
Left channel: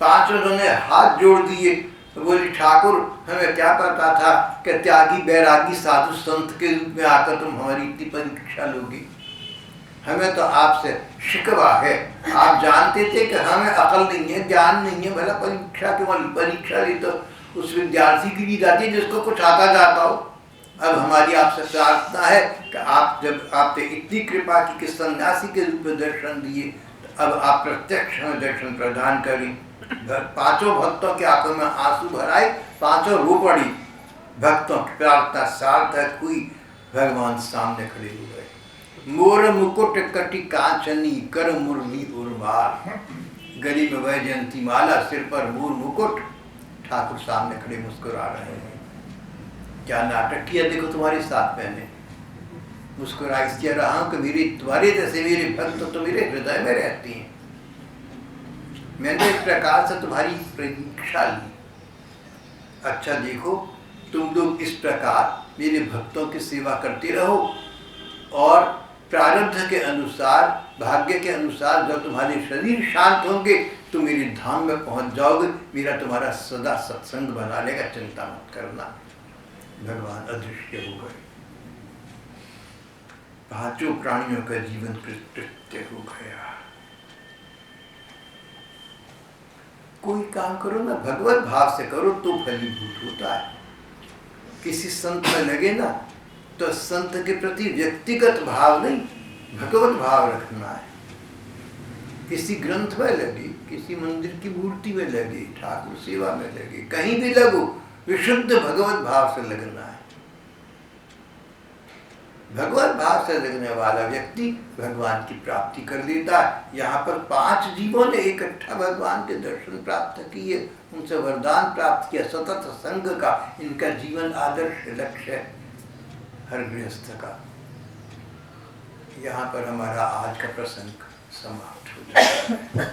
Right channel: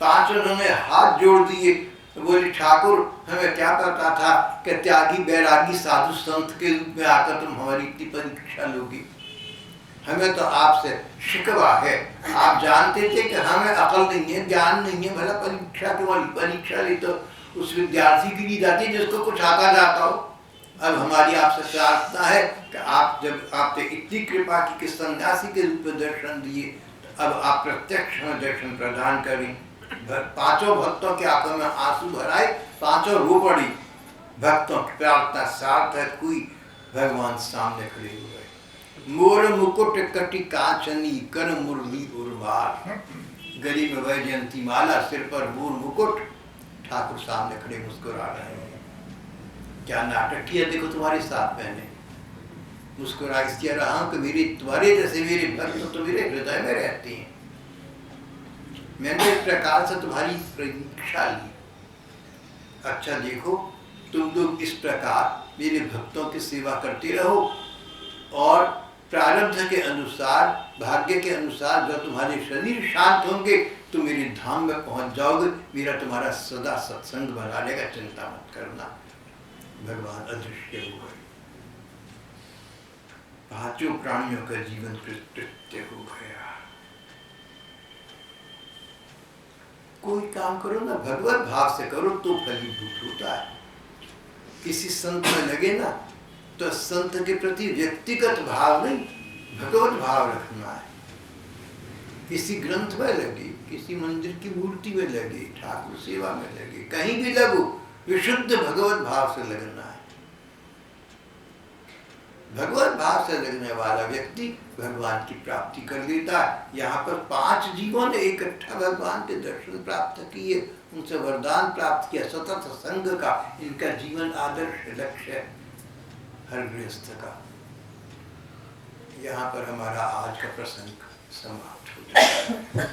5 ने हाथ जोड़ दिए। तो बोली, ठाकुर हमें क्या पता था कि त्यागी बैरागी साधु संत के रूप में आकर तुम हमारी इतनी परीक्षा लोगी। हमें तो आपसे शिकवा है। आप जानते थे कि हमें अकल नहीं है, ज्ञान नहीं है, भला परीक्षा के वाली परीक्षा ली तो उस विद्यार्थी की ली जाती है जिसको कुछ आता जाता हो। अब हमारी आपसे प्रार्थना है कि आप जब आपने इतनी कृपा की कि सन्यासी के रूप में दर्शन दिए, तो अब आप प्रत्यक्ष हमें दर्शन प्रदान करें। पांचों भक्तों के आंखों में आंसू भराए, पांचों रो पड़ी, भक्तों की प्रार्थना सार्थक हुई, भगवान सामने खड़े हो गए। मोर मुकुट कटि कांचनी कर मुरली उर्माल, गली में वैजयंती माला, सिर पर मोर मुकुट, ठाकुर सामने खड़े मुस्कुरा रहे हैं। क्या नाटक किया देखो तुम्हारे साथ मैंने, मुस्कुरा इसलिए रहा हूं कि मेरी तुम्हारे जैसे मेरे भक्त तो मेरे हृदय में रहती हैं। मैंने इस प्रकार से तुम्हारी प्रतीक्षा ली। अच्छा देखो, तुम लोग इस प्रकार मेरे भक्तों की सेवा करते रहो, और प्रारब्ध के अनुसार, भाग्य के अनुसार जब तुम्हारे शरीर शांत होंगे तो मेरे धाम में पहुंच जाओगे। मेरा तुम्हारा सदा सत्संग बना लेगा, चिंता मत करना। भगवान अदृश्य हो गए, पांचों प्राणियों का जीवन कृत्य हो गया। कोई काम करो ना भगवत भाव से करो तो फलीभूत होता है। किसी संत में लगे ना तो संत के प्रति व्यक्तिगत भाव नहीं, भगवत भाव रखना है। किसी ग्रंथ में लगे, किसी मंदिर की मूर्ति में लगे, ठाकुर सेवा में लगे, कहीं भी लगो, विशुद्ध भगवत भाव से लगना है। भगवत भाव से लगने वाला व्यक्ति भगवान की प्राप्ति कर लेता है। यहाँ पर 5 जीवों ने इकट्ठा भगवान के दर्शन प्राप्त किए, उनसे वरदान प्राप्त किया सतत संग का। इनका जीवन आदर्श लक्ष्य है हर गृहस्थ का। यहाँ पर हमारा आज का प्रसंग समाप्त हो जाता है।